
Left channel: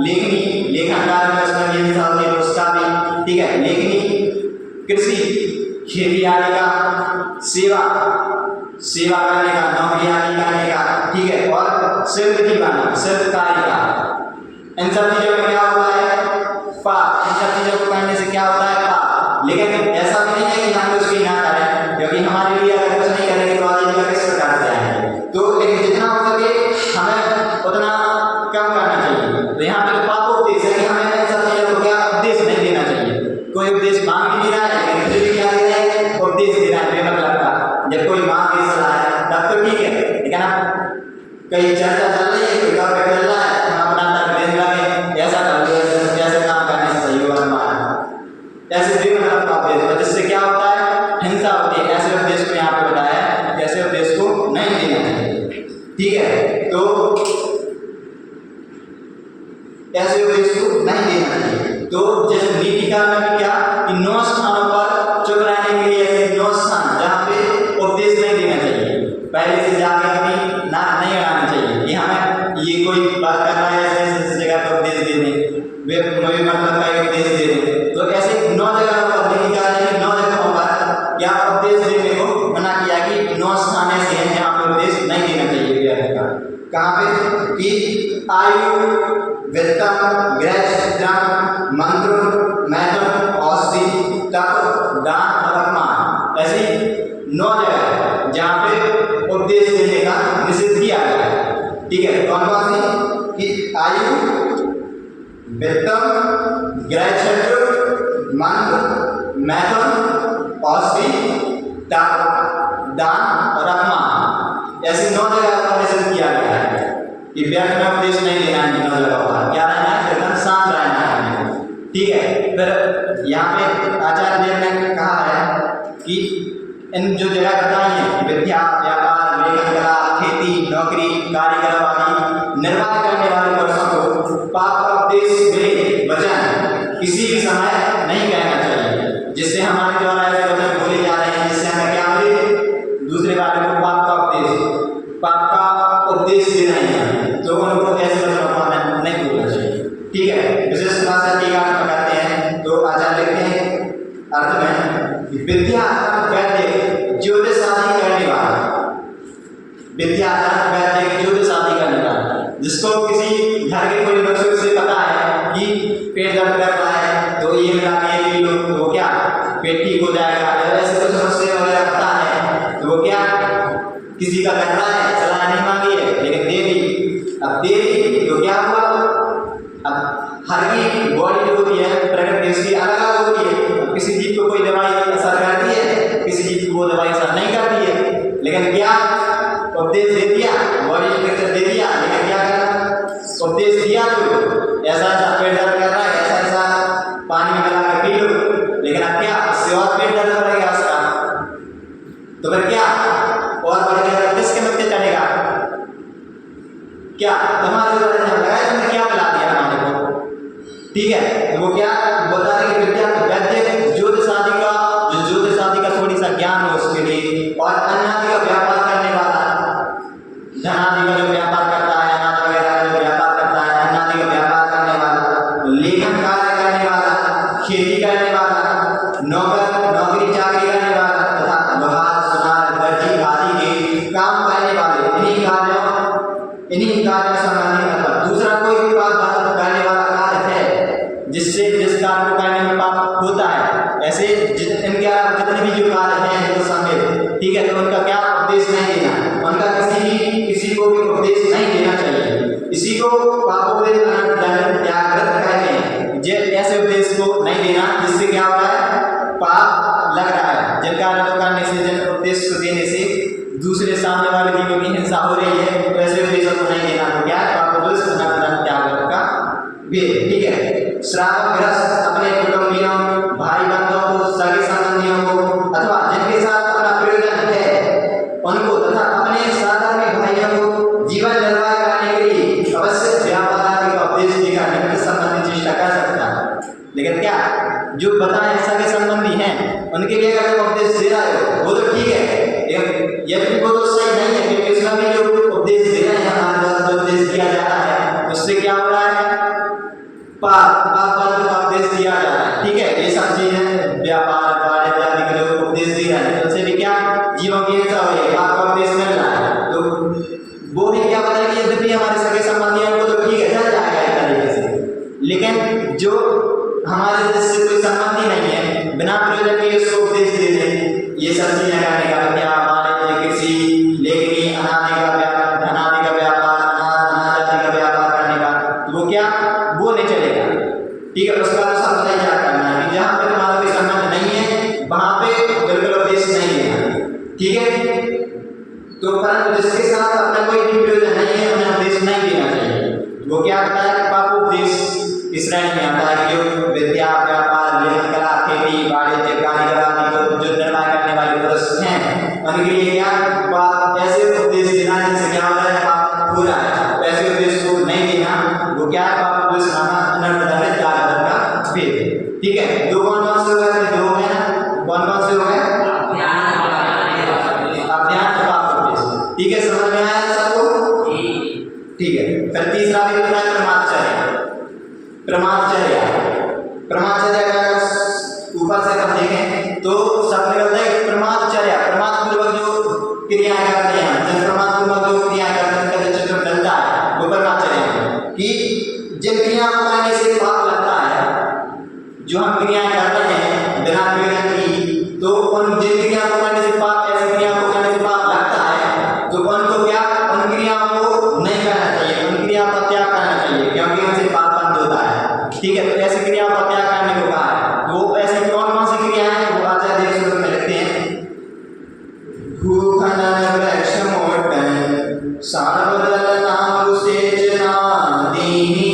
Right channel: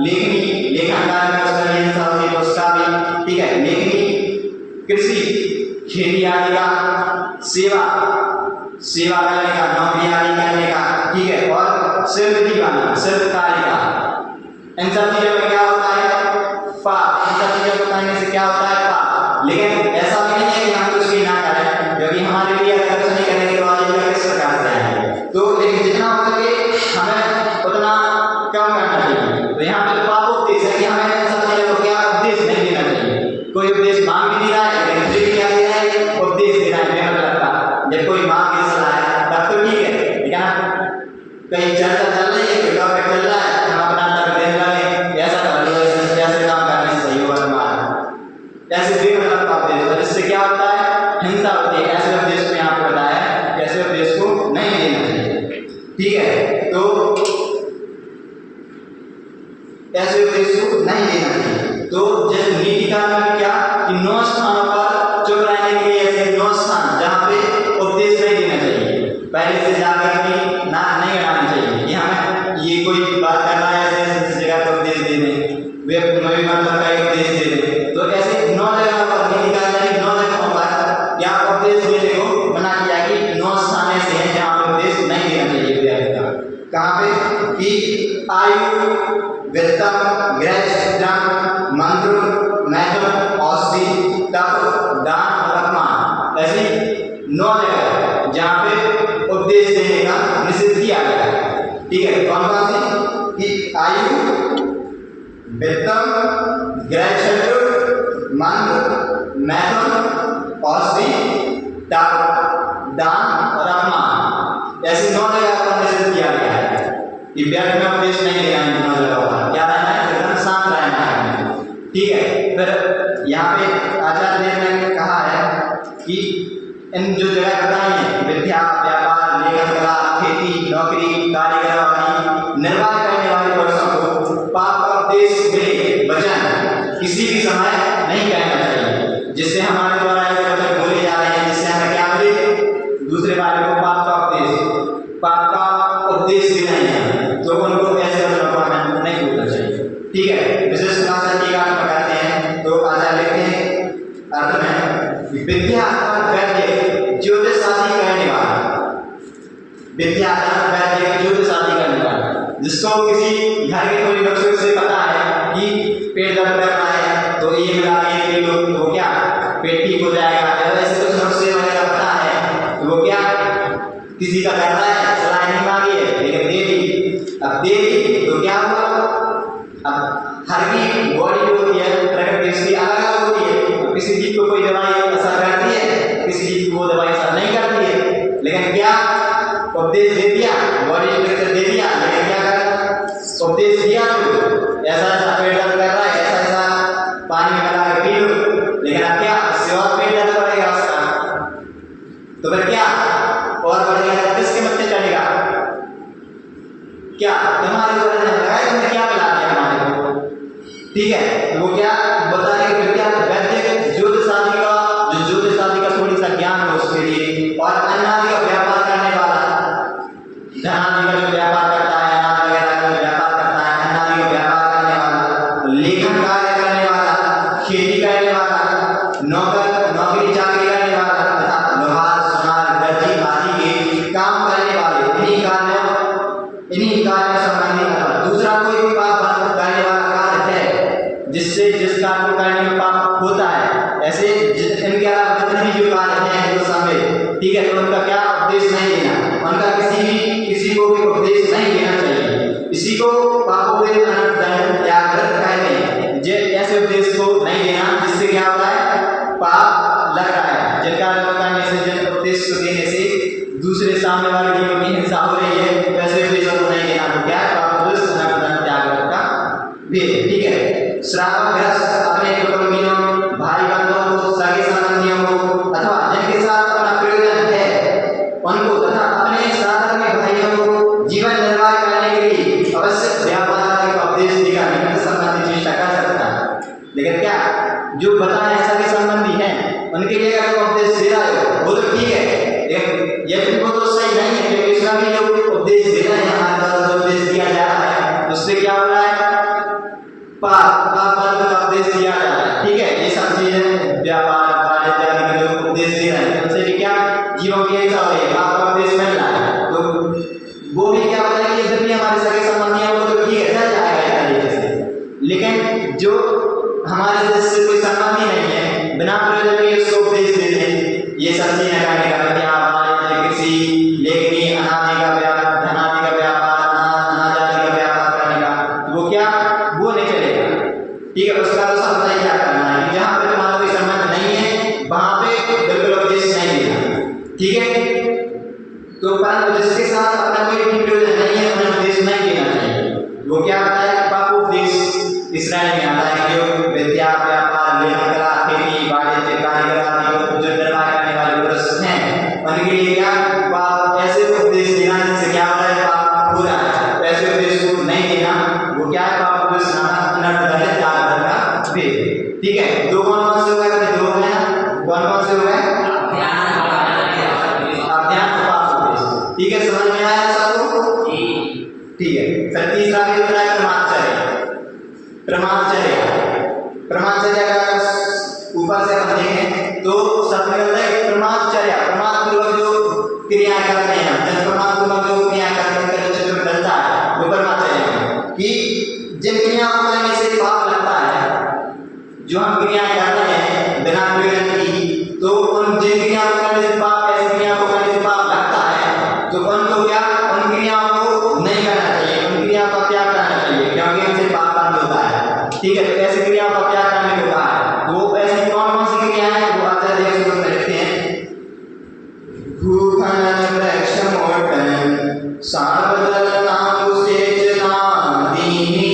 लेखनी, लेखन कार्य में उसका भी हिस्सा होती है तो उसका भी, ठीक है, लेखनी, कृषि खेती आदि का, सेवा करने का, नौकरी आदि करने का, ठीक है, और सिर्फ कार्य का, इन सब चीजों में क्या होता है पाप, इन सब चीजों को करने से क्या होता है पाप। लेकिन ऐसा भी नहीं है कि हम कुछ भी ना करें, क्योंकि हमारे लिए अगर कुछ नहीं करेंगे तो आजीविका किस प्रकार से आएंगे। तो लेकिन जितना हो सके हमें उतना कम करना चाहिए। तो यहाँ पे तो पाप उपदेश है कि हमें इन सब चीज़ों को क्या उपदेश नहीं देना चाहिए। कोई उपदेश मांग भी नहीं रहा है, लेकिन फिर भी क्या दे रहा है, उपदेश दे रहा है बेमतलब का। जब कोई मांग के सलाह है तब तो ठीक है, लेकिन अब कहीं चर्चा चल रही है, कोई टॉपिक चल रहा है, हम अपना तक देख लगे ऐसा कर लो, ऐसे काम करने से सही होगा तुम्हारा, ऐसे बेमतलब का उपदेश होता है, जिससे क्या होता है, हिंसा होती है। ऐसे उपदेश को यहाँ पे बताया है कि ऐसे उपदेश को नहीं देना चाहिए। ठीक है, तो ऐसे उपदेश को नहीं देना चाहिए। तो जैसे नीति काल में भी क्या कि 9 स्थानों पर चुप रहने के लिए ऐसे 9 स्थान जहाँ पे उपदेश नहीं देना चाहिए, पहले से जाके अपनी नाक नहीं अड़ानी चाहिए कि हमें ये कोई बात करना है ऐसे इस जगह पर उपदेश दे दें, वे मतलब का उपदेश दे दें। तो ऐसे 9 जगह पर नीति काल में 9 जगहों पर क्या उपदेश देने को मना किया कि 9 स्थान ऐसे हैं जहाँ पे उपदेश नहीं देना चाहिए विद्यार्थी का। कहाँ पे कि आयु, वित्तम, गृहस्थम, मंत्र, मैथुन, औषधि, तप, दान और अपमान, ऐसी 9 जगह जहाँ पे उपदेश देने का निषेध किया गया है। ठीक है, कौन कौन सी कि आयु, वित्तम, गृहस्थम, मंत्र, मैथुन, औषधि, तप, दान और अपमान, ऐसी 9 जगह पर निषेध किया गया है कि व्यर्थ में उपदेश नहीं देना है। 9 जगह पर क्या रहना है, एकदम शांत रहना है। ठीक है, फिर यहाँ पे आचार्य देव ने कहा है कि इन जो जगह बताई है, विद्या, व्यापार, लेखन कला, खेती, नौकरी, कारीगर आदि निर्वाह करने वाले पुरुषों को पाप का उपदेश मिले वचन किसी भी समय नहीं कहना चाहिए, जिससे हमारे द्वारा ऐसे वचन बोले जा रहे हैं जिससे हमें क्या मिले, दूसरे वाले को पाप का उपदेश देना है, तो उनको ऐसे वचनों को हमें नहीं बोलना चाहिए। ठीक है, विशेष क्लास टीका में पढ़ाते हैं तो आचार्य लिखते हैं अर्थ में विद्या वैद्य ज्योतिष आदि करने वाला, विद्या वैद्य ज्योतिष आदि करने वाला, जिसको किसी घर के कोई नुस्खे से पता है कि पेट दर्द कर रहा है तो ये मिला के पी लो तो क्या पेट ठीक हो जाएगा, ऐसे कुछ नुस्खे वगैरह पता है तो वो क्या किसी का कर रहा है, सलाह नहीं मांगी है लेकिन दे दी। अब दे दी तो क्या हुआ, अब हर की बॉडी जो होती है प्रकृति उसकी अलग अलग होती है। किसी जीव को कोई दवाई असर करती है, किसी जीव को वो दवाई असर नहीं करती है, लेकिन क्या उपदेश दे दिया, बॉडी स्ट्रक्चर दे दिया, लेकिन क्या कर उपदेश दिया तो ऐसा ऐसा पेट दर्द कर रहा है, ऐसा ऐसा पानी में मिला के पी लो, लेकिन अब क्या इससे और पेट दर्द बढ़ेगा उसका, तो फिर क्या और बढ़ गया तो किसके मत्थे चढ़ेगा, क्या तुम्हारे ऊपर लगाया, तुमने क्या पिला दिया हमारे को। ठीक है, तो वो क्या बता रहे कि विद्या वैद्य ज्योतिष आदि का, जो ज्योतिष आदि का थोड़ी सा ज्ञान हो उसके लिए, और अन्न आदि का व्यापार करने वाला, धन आदि का जो व्यापार करता है, अनाज वगैरह का जो व्यापार करता है, अन्न आदि का व्यापार करने वाला, लेखन कार्य करने वाला, खेती करने वाला, नौकरी चाकरी करने वाला तथा लोहार, सुनार, दर्जी आदि के काम करने वाले, इन्हीं कार्यों संबंधी अथवा दूसरा कोई भी पाप करने वाला कार्य है जिससे जिस कार्य को करने में पाप होता है, ऐसे इनके अलावा जितने भी जो कार्य हैं जो शामिल, ठीक है, तो उनका क्या उपदेश नहीं देना, उनका किसी को भी उपदेश नहीं देना चाहिए। इसी को पापोदे अनंत त्याग कहते हैं, जे ऐसे उपदेश को नहीं देना जिससे क्या होता है, पाप लग रहा है, जिन कार्यों को करने से, जिन उपदेश को देने से दूसरे सामने वाले जीवों की हिंसा हो रही है, तो ऐसे उपदेशों को नहीं देना, तो क्या है पापोदे अनंत त्याग का भेद। ठीक है, श्रावक ग्रस्त अपने कुटुंबियों, भाई बंधुओं को, सगे संबंधियों को अथवा जिनके साथ अपना प्रयोजन है उनको तथा अपने साधर्मी भाइयों को जीवन निर्वाह करने के लिए अवश्य व्यापार का उपदेश देकर निकट संबंधी चेष्टा कर सकता है। लेकिन क्या जो बताए सगे संबंधी हैं उनके लिए अगर उपदेश दे रहा है वो तो ठीक है, यदि वो तो सही नहीं है, क्योंकि इसमें भी जो उपदेश दे रहे हैं, हमारे द्वारा जो उपदेश दिया जा रहा है उससे क्या हो रहा है, पाप का उपदेश दिया जा रहा है। ठीक है, ये सब चीजें व्यापार वाणिज्य आदि के लोग उपदेश दे रहे हैं, उनसे भी क्या जीवों की हिंसा हो रही है, पाप का उपदेश मिल रहा है, तो वो भी क्या बताया कि यद्यपि हमारे सगे संबंधियों को तो ठीक है चल जाएगा एक तरीके से, लेकिन जो हमारे जिससे कोई संबंध ही नहीं है, बिना प्रयोजन के उसको उपदेश दे दें, ये सब्जी लगाने का विद्या, वाणिज्य, कृषि, लेखनी, अनादि का व्यापार, धनादि का व्यापार, अनाजादि का व्यापार करने का, तो वो क्या, वो नहीं चलेगा। ठीक है, उसका तो समझना ही क्या करना है कि जहाँ पे तुम्हारा कोई संबंध नहीं है वहां पे बिल्कुल उपदेश नहीं देना। ठीक है, तो परंतु जिसके साथ अपना कोई भी प्रयोजन नहीं है उन्हें उपदेश नहीं देना चाहिए। वो क्या बताया कि पाप उपदेश इस श्रेणी में आता है कि जो विद्या, व्यापार, लेखन कला, खेती, वाणिज्य, कारीगर आदि जो निर्वाह करने वाले पुरुष हैं उनके लिए क्या पाप ऐसे उपदेश देना जिससे क्या होता है, पाप हो रहा है, ऐसे उपदेश को नहीं देना। वो क्या है, पाप उपदेश नामा अनर्थदंडित दान का भेद। ठीक है, दो कौन कौन से हो गए, अपने दो हो गए ना, कौन कौन से हो गए, अज्ञान और पाप उपदेश। ठीक है, समझ में आया सबको? ठीक है, फिर तीसरा भी होता है ब्रह्मचर्य। ब्रह्मचर्य का ऊपर से अपन देखें तो सब निकलता है कि ब्रह्मचर्य प्रमाद पूर्वक जो क्रियाएं करते हैं, जन प्रमाद पूर्वक जो क्रियाएं करते हैं उनका जो चित्र डलता है वो ब्रह्मचर्य है। कि जिन क्रियाओं को करने से पाप लगता है, जो हम क्रियाएं करते हैं बिना प्रयोजन की, तो उन जिन क्रियाओं को करने से पाप, ऐसी क्रियाओं को करने से पाप लगता है, तो उनको क्या, उन क्रियाओं को नहीं करना चाहिए, उन क्रियाओं का त्याग करना चाहिए, क्योंकि उनसे पाप बंद होता है। ठीक है, तो ऐसी क्रियाओं का त्याग करने को कहा है। तो ऐसी कौन कौन सी क्रियाएं हैं वो आचार्य देव श्लोक में लिखते हैं। भूखनन वृक्ष मोटन सार्वजलनाकुसेचनादीनि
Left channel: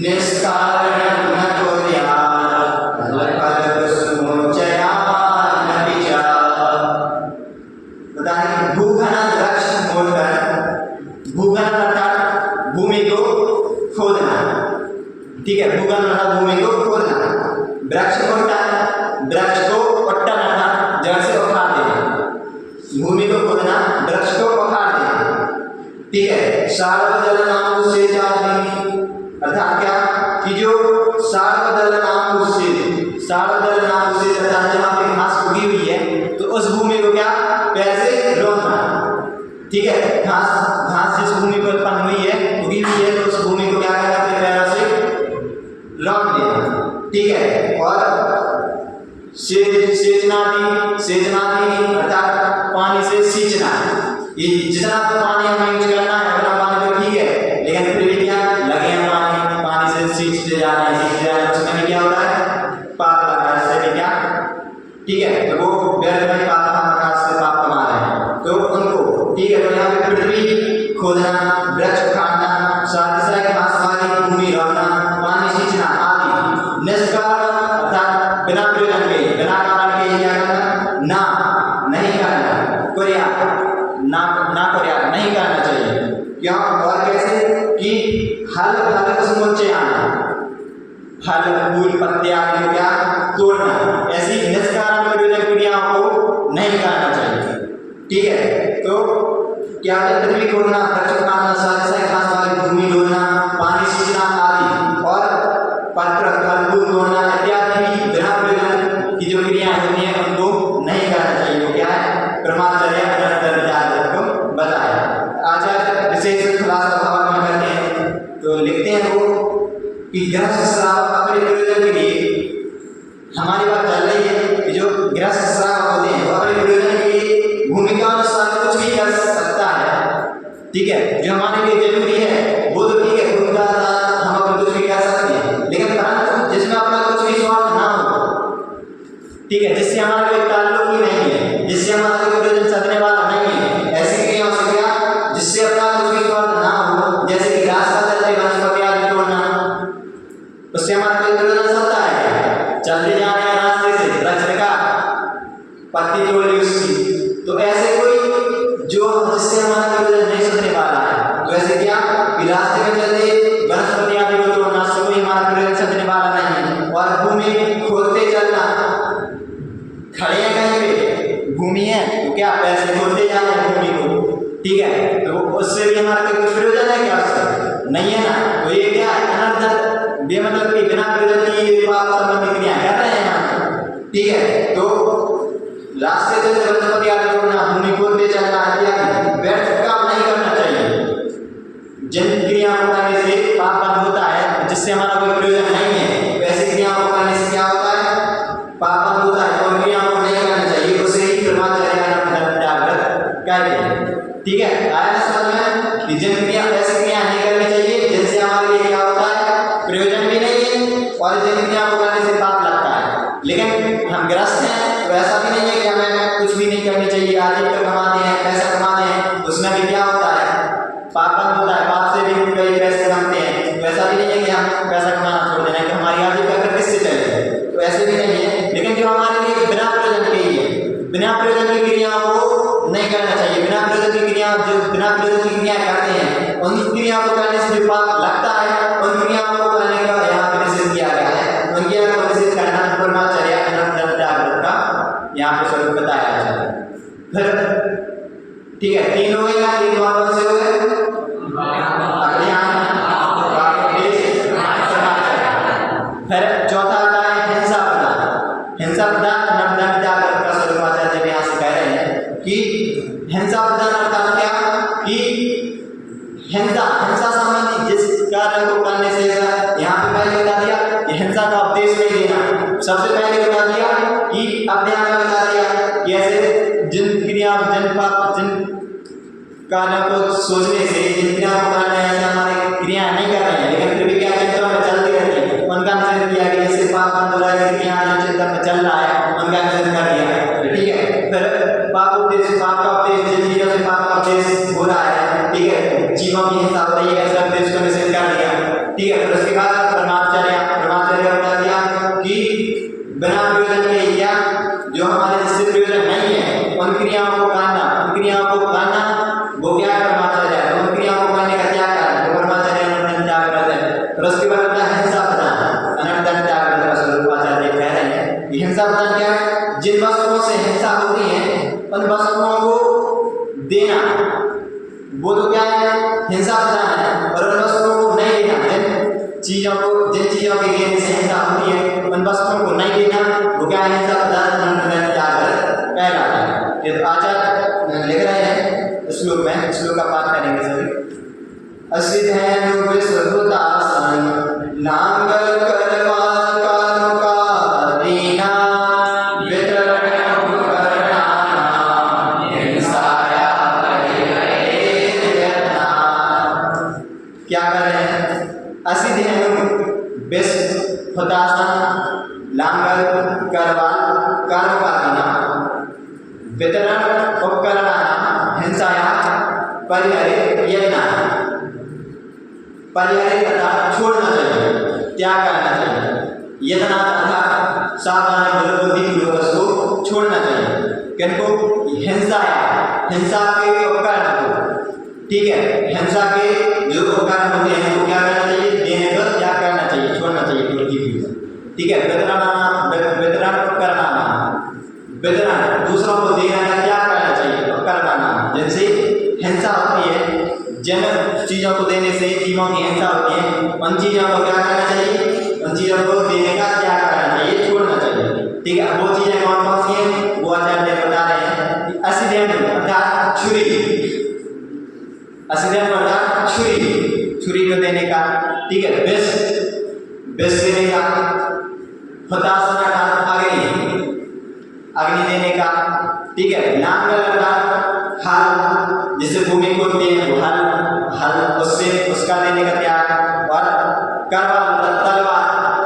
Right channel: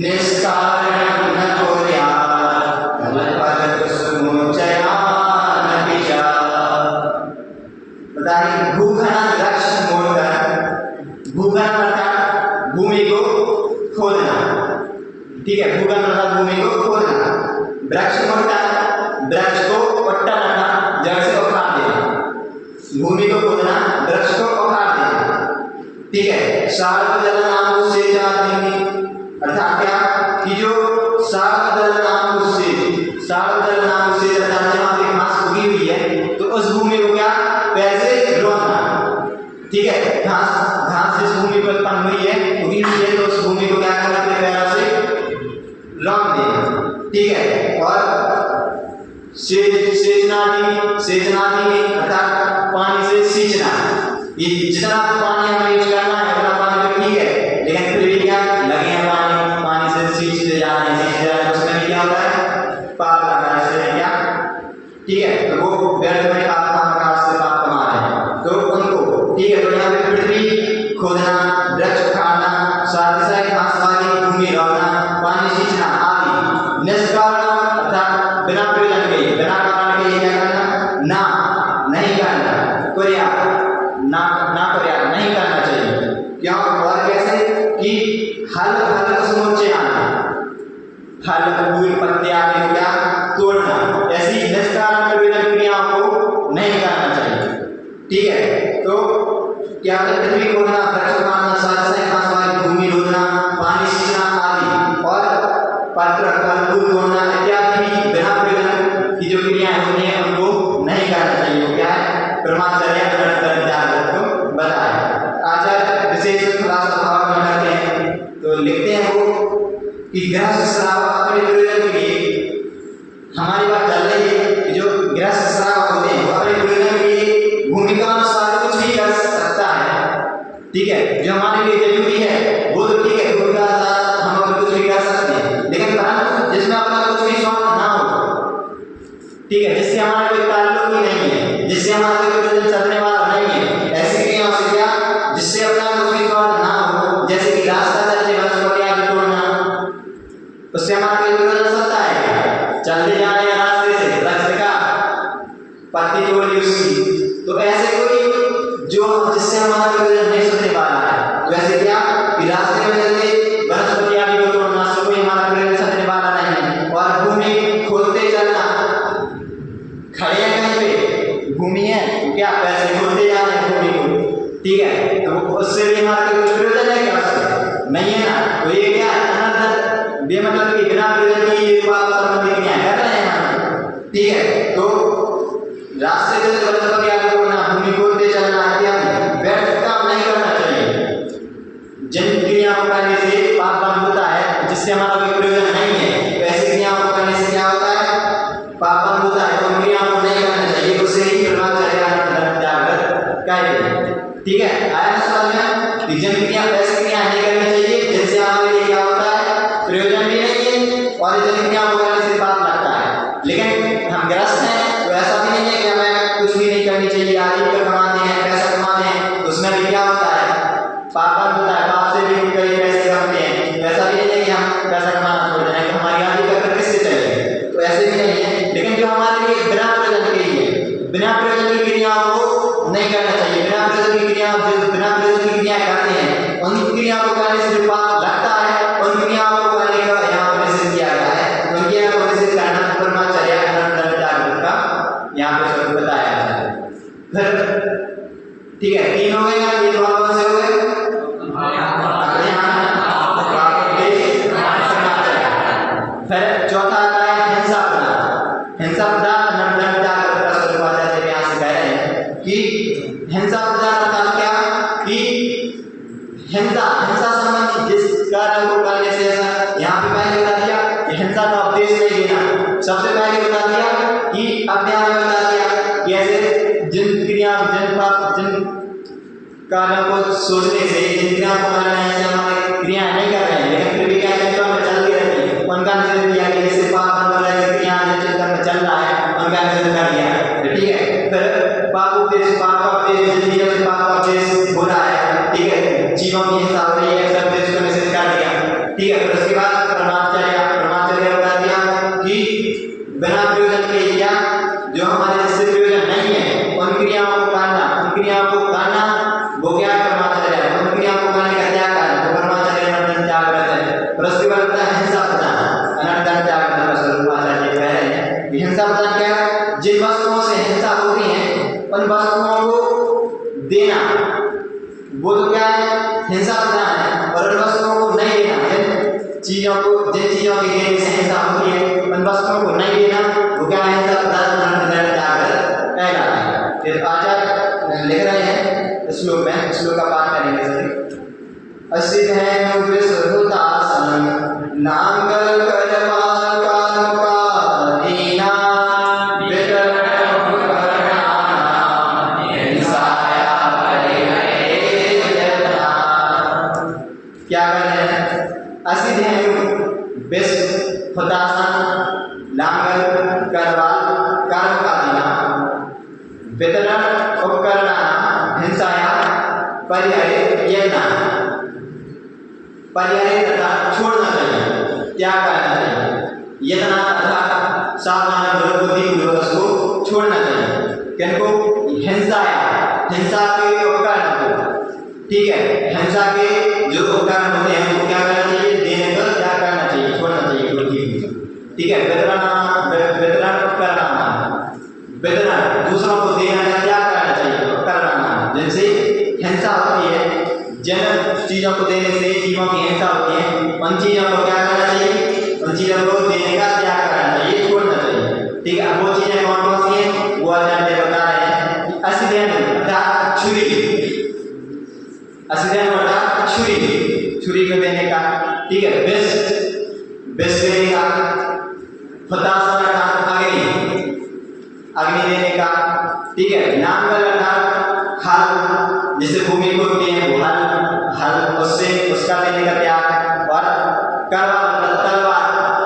निष्कारणं न कुर्यात् फलफलकुसुमोचयानपि च। बताइए, भूखनन वृक्ष मोटन, भूखनन अर्थात भूमि को खोदना। ठीक है, भूखनन अर्थात भूमि को खोदना, वृक्ष मोटन वृक्ष को पट्टन अर्थात जड़ से उखाड़ देना, भूमि को खोदना, वृक्ष को उखाड़ देना। ठीक है, सार्वजलनाकुसेचनादीनि अर्थात क्या कि जो सार्वजलनाकुसेच अर्थात जहाँ पे घास उगी हुई है तो उस भूमि को क्या पैर से रोकना। ठीक है, घास जिस भूमि पर उत्पन्न हुई है, उगी हुई है, तो उस भूमि को क्या करना, अपने पैरों से रोक देना। ठीक है, और सेचनादीनि अर्थात पानी से सींचना। ये जितना पानी हमें यूज करना है उतना पानी तो ठीक है, लेकिन फिर भी क्या लगे पानी से सींचते जाना है, उसमें भी क्या होता है, पाप लगा है, इससे भी क्या। ठीक है, तो वो व्यर्थ में पाप से पाप कमा रहे हैं, तो उनको। ठीक है, तो यहाँ पे पृथ्वी खोदना, वृक्ष उखाड़ना, साथ ही साथ घास वाली भूमि रोकना, पानी सींचना आदि निष्कारण अर्थात बिना प्रयोजन के, बिना कारण के क्या करना, नहीं करना, नहीं करना चाहिए। क्यों और कैसे कि फल कुसुमोचयान, फल फूल पत्ते आदि क्या तोड़ना, ऐसी निष्कारण प्रयोजन क्रियाओं को नहीं करना चाहिए। ठीक है, तो क्या पृथ्वी खोदना, वृक्ष उखाड़ना, साथ ही घास वाली भूमि रोकना, पानी सींचना आदि और पत्र फल फूल तोड़ना इत्यादि भी बिना प्रयोजन की जो क्रियाएं होती हैं उनको नहीं करना चाहिए। वो क्या है, ब्रह्मचर्य को बताया। आचार्य विशेष खुलासा भाव में करते हैं तो लिखते हैं वो कि गृहस्थ श्रावक अपने प्रयोजन के लिए, हमारी बात चल रही है कि जो गृहस्थ श्रावक होते हैं वो अपने प्रयोजन के लिए भूमि का अनुसार कुछ भी कर सकता है। ठीक है, जो हमारे लिए जरूरी है वो तो ठीक है, भूमि का हम अपने कुछ भी कर सकते हैं, लेकिन परंतु जिसमें अपना कुछ भी स्वार्थ ना हो, ठीक है, जिससे हमारा कोई ताल्लुक ही नहीं है, जिससे हमारा कोई प्रयोजन साधने वाला नहीं है, ऐसी क्रियाओं से क्या जिससे अपना कुछ भी स्वार्थ ना हो, जैसे कि रास्ता चलते वनस्पति आदि तोड़ना, उससे हमारा कोई प्रयोजन सकता है क्या? चलते जा रहे हैं रास्ते से, वृक्ष का पत्ती तोड़ ली उसकी, तो ऐसे कोई जो जिससे हमारा प्रयोजन नहीं सकने वाला है, तो ऐसे क्या कि रास्ते में चलते वनस्पति आदि को तोड़ना, उससे कोई हमारा प्रयोजन सकने वाला नहीं है। और भूमि खोदते चलना, खड़े हैं कहीं पे भूमि है तो क्या पैसे खोदते जा रहे हैं भूमि को। ठीक है, तो उससे भी हमारा कोई कुछ प्रयोजन है क्या? उससे नहीं है ना। तो ये क्या अनर्थ बेमतलब की बिना प्रयोजन की पाप संबंधी क्रियाएं कर रहे हैं हम। ठीक है, तो रास्ते से वनस्पति आदि तोड़ना, भूमि खोदते चलना इत्यादि व्यर्थ काम नहीं करना चाहिए। जिन क्रियाओं को करने से पाप बंद होता है, जिससे हमारा कोई प्रयोजन नहीं है, तो ऐसी क्रियाओं को ठीक है, आया ना समझ में कि जिन क्रिया ऐसी क्रिया नहीं करनी चाहिए जिनसे हमारे लिए क्या होता है, प्रयोजन भी नहीं है, और जिन क्रिया को करने से पाप लगता है। लेकिन हम ग्रस्त हैं तो ऐसा भी नहीं है कि हमें कुछ भी नहीं करनी चाहिए, आजीविका कमाते हैं, पैसा कमाते हैं, उसमें भी क्या होता है, पाप बंद होता है, पाप से भी कई पैसे कमाते हैं। तो ऐसा भी नहीं है कि हम पैसा कमाना छोड़ देना तो हमारी आजीविका फिर किससे चलेगी, तो ऐसे भी नहीं है। लेकिन जो हमारे लिए बिना प्रयोजन के ही है, बिना प्रयोजन की क्रियाओं को नहीं करना चाहिए। बिना प्रयोजन की क्रिया, जो बिना प्रयोजन की क्रिया करते हैं उन क्रियाओं को करने से जो पाप लगता है, उन क्रियाओं को करने का यहाँ पर निषेध किया गया है। उन क्रियाओं को निषेध करना ब्रह्मचर्य अनंतर जागृत का यहाँ पे स्वरूप बताया गया है। फिर ठीक है, 3 हो गए, 3 कौन से हो गए, फिर चौथा आता है हिंसा प्रदान। हिंसा प्रदान अनंतर जागृत का स्वरूप आचार्य यहाँ से कह रहे हैं कि हिंसा प्रदान अर्थात क्या, कि हिंसा संबंधी जिस कार्य को करने से, यहाँ पे पहले बता दिया कि हिंसा का उपदेश नहीं देना, सबसे पहले बता दिया कि अध्याय में बता दिया कि ऐसे जिन क्रिया, जिन पाप, जिन कार्यों को सोचने से, जिन क्रियाओं को करना है ऐसे हमारे क्रियाएं नहीं कर रहे हैं लेकिन फिर भी क्या चिंता में चलती रहती है, उनका निषेध किया कि जिससे पाप बंद हो रहा है, क्रिया जो चिंता में चल रहा है उनका निषेध कर दिया। ठीक है, फिर पाप उपदेश, पाप का उपदेश, जिन चीजों से पाप का उपदेश हो रहा है, ठीक है, जीवों की हिंसा हो रही है, सब देश को निषेध कर दिया। ठीक है, फिर उसके बाद परमाचार्य बता दिया कि बिना प्रयोजन के या जो हमारे जिससे प्रयोजन नहीं है उन क्रियाओं को करना, उन क्रियाओं को करना वो क्या है, परमाचार्य। उन क्रियाओं को करने का क्या कारण, वो परमाचार्य अनंतर जागृत है। फिर उसके बाद होता है हिंसा प्रदान अनंतर जागृत का स्वरूप आचार्य कह रहे हैं कि हिंसा प्रदान क्या है, जिन वस्तुओं से हिंसा होती है उन वस्तुओं को देना, वो तो क्या है, हिंसा प्रदान है। और उन वस्तुओं को नहीं देना, जिन चीजों के देने से हिंसा होती है उन वस्तुओं को नहीं देना, वो क्या है, हिंसा प्रदान अनंतर जागृत कहलाता है। ये तो आचार्य लिख रहे हैं श्लोक में, श्लोक का पाठ करेंगे सभी। असिधेनु विसुदासन नांगल करवान कानुका दीना वितरण उपकरणा हिंसाया परिहरेयतना। क्या कर रहे हैं, असिधेनु विसुदासन नांगल करवान कानुका दीना वितरण उपकरणा हिंसाया परिहरेयतना। परिहरित तथा छोड़ना चाहिए, त्याग करना चाहिए। यतना तथा सावधान बुद्धिपूर्वक उसको छोड़ना चाहिए। किनको, हिंसा के उपकरण को, ठीक है, हिंसा के जो उपकरण होते हैं उनको क्या करना चाहिए, देने का त्याग करना चाहिए, छोड़ना चाहिए बुद्धिपूर्वक। ठीक है, वितरण उपकरण, वितरण दूसरों को देने का त्याग करना चाहिए, उपकरण जिनसे हिंसा होती है, जिन चीज़ों को देने से जीवों की हिंसा होती है उन चीज़ों को क्या करना चाहिए, उन चीज़ों को देने का त्याग करना चाहिए, छोड़ना चाहिए। ठीक है, वो चीज़ें कौन कौन सी हैं, वो आचार्य बता रहे हैं कि असिधेनु अर्थात छुरी, असिधेनु अर्थात छुरी को देने का। ठीक है, विष देने का, हुतासन अर्थात अग्नि देने का। ठीक है, नांगल अर्थात हल, जिससे भूमि खोदते हैं वो हल उससे उसका देने का त्याग, और करवाल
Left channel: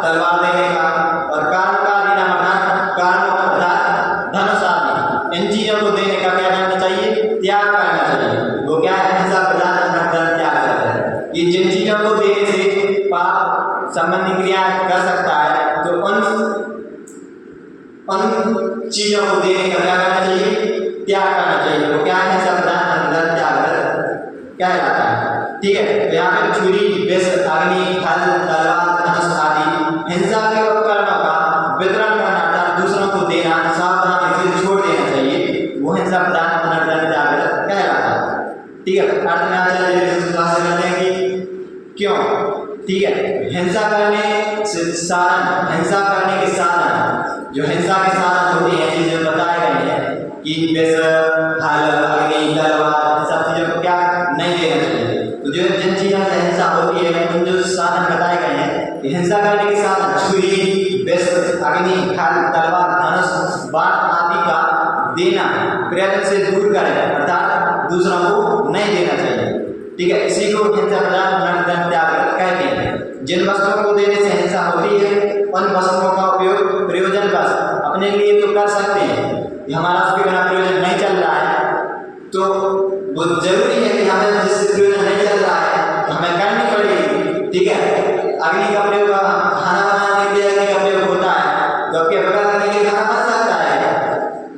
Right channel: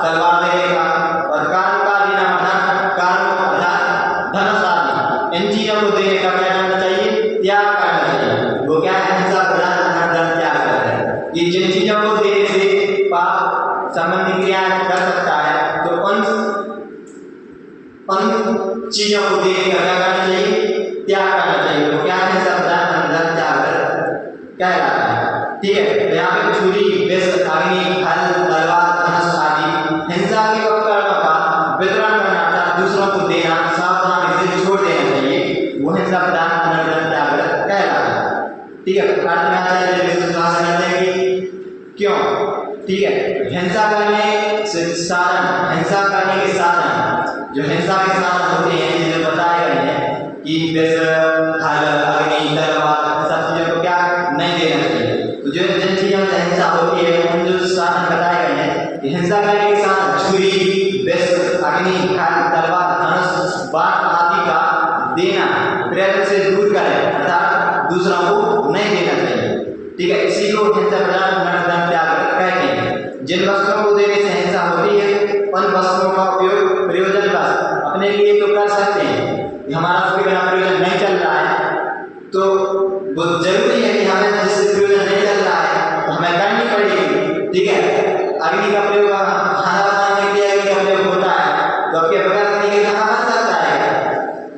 तलवार देने का, और कर्म का देना मतलब कर्म अर्थात धनुष आदि, इन चीजों को देने का क्या करना चाहिए, त्याग करना चाहिए। वो क्या है, हिंसा प्रदान अनंतर त्याग करते हैं। ये जिन चीजों को देने से पाप संबंधी क्रिया कर सकता है तो उन चीजों को देने का क्या करना चाहिए, त्याग करना चाहिए। वो क्या है, सावधान अनंतर जागृत कहलाता है। ठीक है, तो यहाँ पे छुरी, विष, अग्नि, हल, तलवार, धनुष आदि हिंसा के उपकरणों का वितरण करना अर्थात दूसरों को देना, सावधानी से छोड़ देना चाहिए, वो हिंसा प्रदान अनंतर जागृत कहलाता है। ठीक है, अर्थ में आचार्य विश्वास करते हैं कि क्यों, ठीक है, हिंसा करने से साधन, हिंसा करने के साधन, जो हिंसा के साधन होते हैं जो बताए गए हैं कि विष, हल, अग्नि, तलवार, सब चीज़ों को क्या नहीं देना चाहिए। तो जो जिन चीज़ों से हिंसा होती है उन जो साधन बताए गए हैं कि हिंसा करने के साधन छुरी, विष, अग्नि, हल, तलवार, धनुष, बाण आदि का देना प्रयत्न से दूर करें, अर्थात दूसरों को नहीं देना चाहिए। ठीक है, इसी को हिंसा प्रदान नर्तन त्याग कहते हैं। जिन वस्तुओं को देने से हिंसा होती है उन वस्तुओं का उपयोग प्रयोजन बस अपने लिए तो कर सकते हैं, हमारा उसके बिना प्रयोजन नहीं चल रहा है तो वो जरूरी है कि हमें जिससे प्रयोजन नहीं चल रहा है तो हमें करनी पड़ेगी। ठीक है, अग्नि का प्रयोग खाना बनाने के लिए अग्नि का प्रयोग होता है तो आपके बगैर अग्नि के खाना बन सकता है?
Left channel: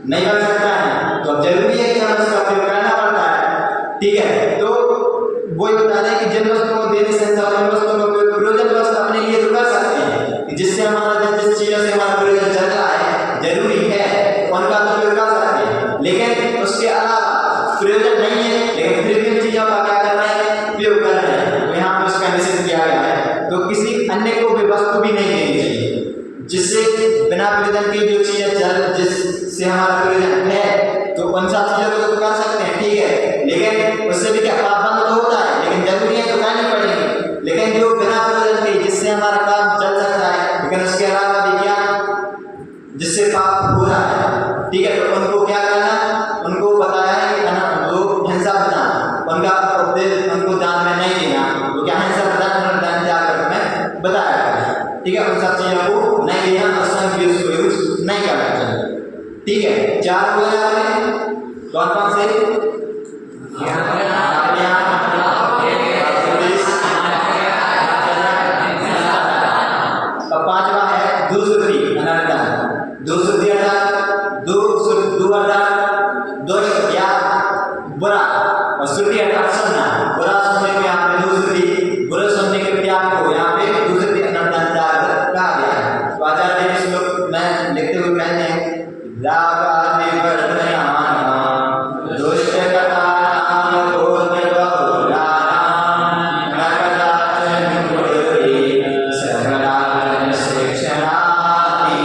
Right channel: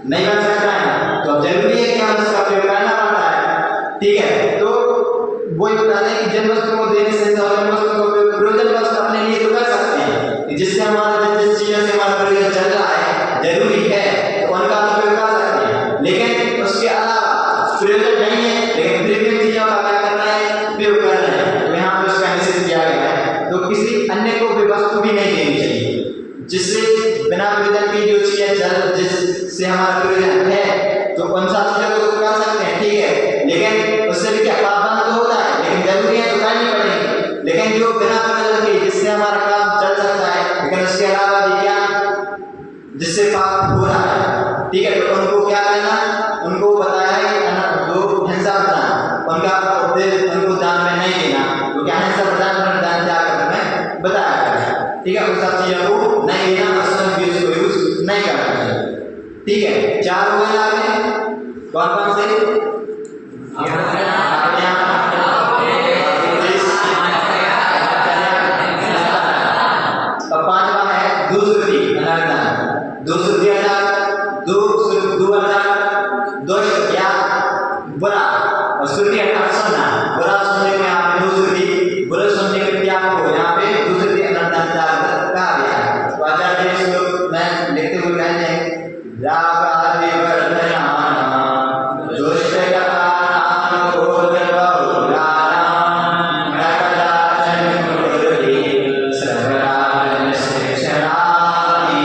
नहीं बन सकता है, तो अब जरूरी है कि हमें उसका प्रयोग करना पड़ता है। ठीक है, तो वो ये बता रहे हैं कि जिन वस्तुओं को देने से उन वस्तुओं का उपयोग प्रयोजन वस्तु अपने लिए तो कर सकते हैं, जिससे हमारा जिस चीज़ों से हमारा प्रयोजन चल रहा है जरूरी है तो उनका उपयोग कर सकते हैं, लेकिन उसके अलावा प्रयोजन नहीं है लेकिन फिर भी चीज़ों का क्या करना है, उपयोग करना है, तो यहाँ पर उसका निषेध किया गया है। तो किसी अन्य को भी वस्तु भी नहीं देनी चाहिए जिससे बिना प्रयोजन की जो चीज़ें जिससे हमारा प्रयोजन है तो उन सब चीज़ों को तो कर सकते हैं। ठीक है, लेकिन उससे भी क्या पाप बंद तो होता है, लेकिन जरूरी है तो करनी पड़ेगी। लेकिन जो बिना प्रयोजन के जिससे हमारा काम चल सकता है लेकिन उसके अलावा भी क्या जिससे पाप हो रहा है, ठीक है, तो उनको क्या करना, उनको बताया है कि वो हिंसा प्रदान उनका उपदेश उनको दान में नहीं देना, वो क्या हिंसा प्रदान दान त्याग में बताया गया है। ठीक है, उन सब चीज़ों को नहीं देना, उसमें भी उसको यूज नहीं करना चाहिए। ठीक है, 4 हुआ यहाँ पे कौन कौन से तो 5वां है दुष्कृति अनर्थ। दुष्कृति अर्थात दोष या बुरा, और श्रुति अर्थात सुनना, बुरा सुनने को यहाँ पे दुष्कृति, बुरा सुनने के त्याग को यहाँ पे दुष्कृति अनर्थ त्याग कहा गया है। तो आचार्य ने इसको मैं लिखते हुए कहते हैं राग आदि वर्धयाना दुष्ट कथा नाम बोधबहुलाना नकदाचन गुरुरी श्रवणावन शिक्षणादि।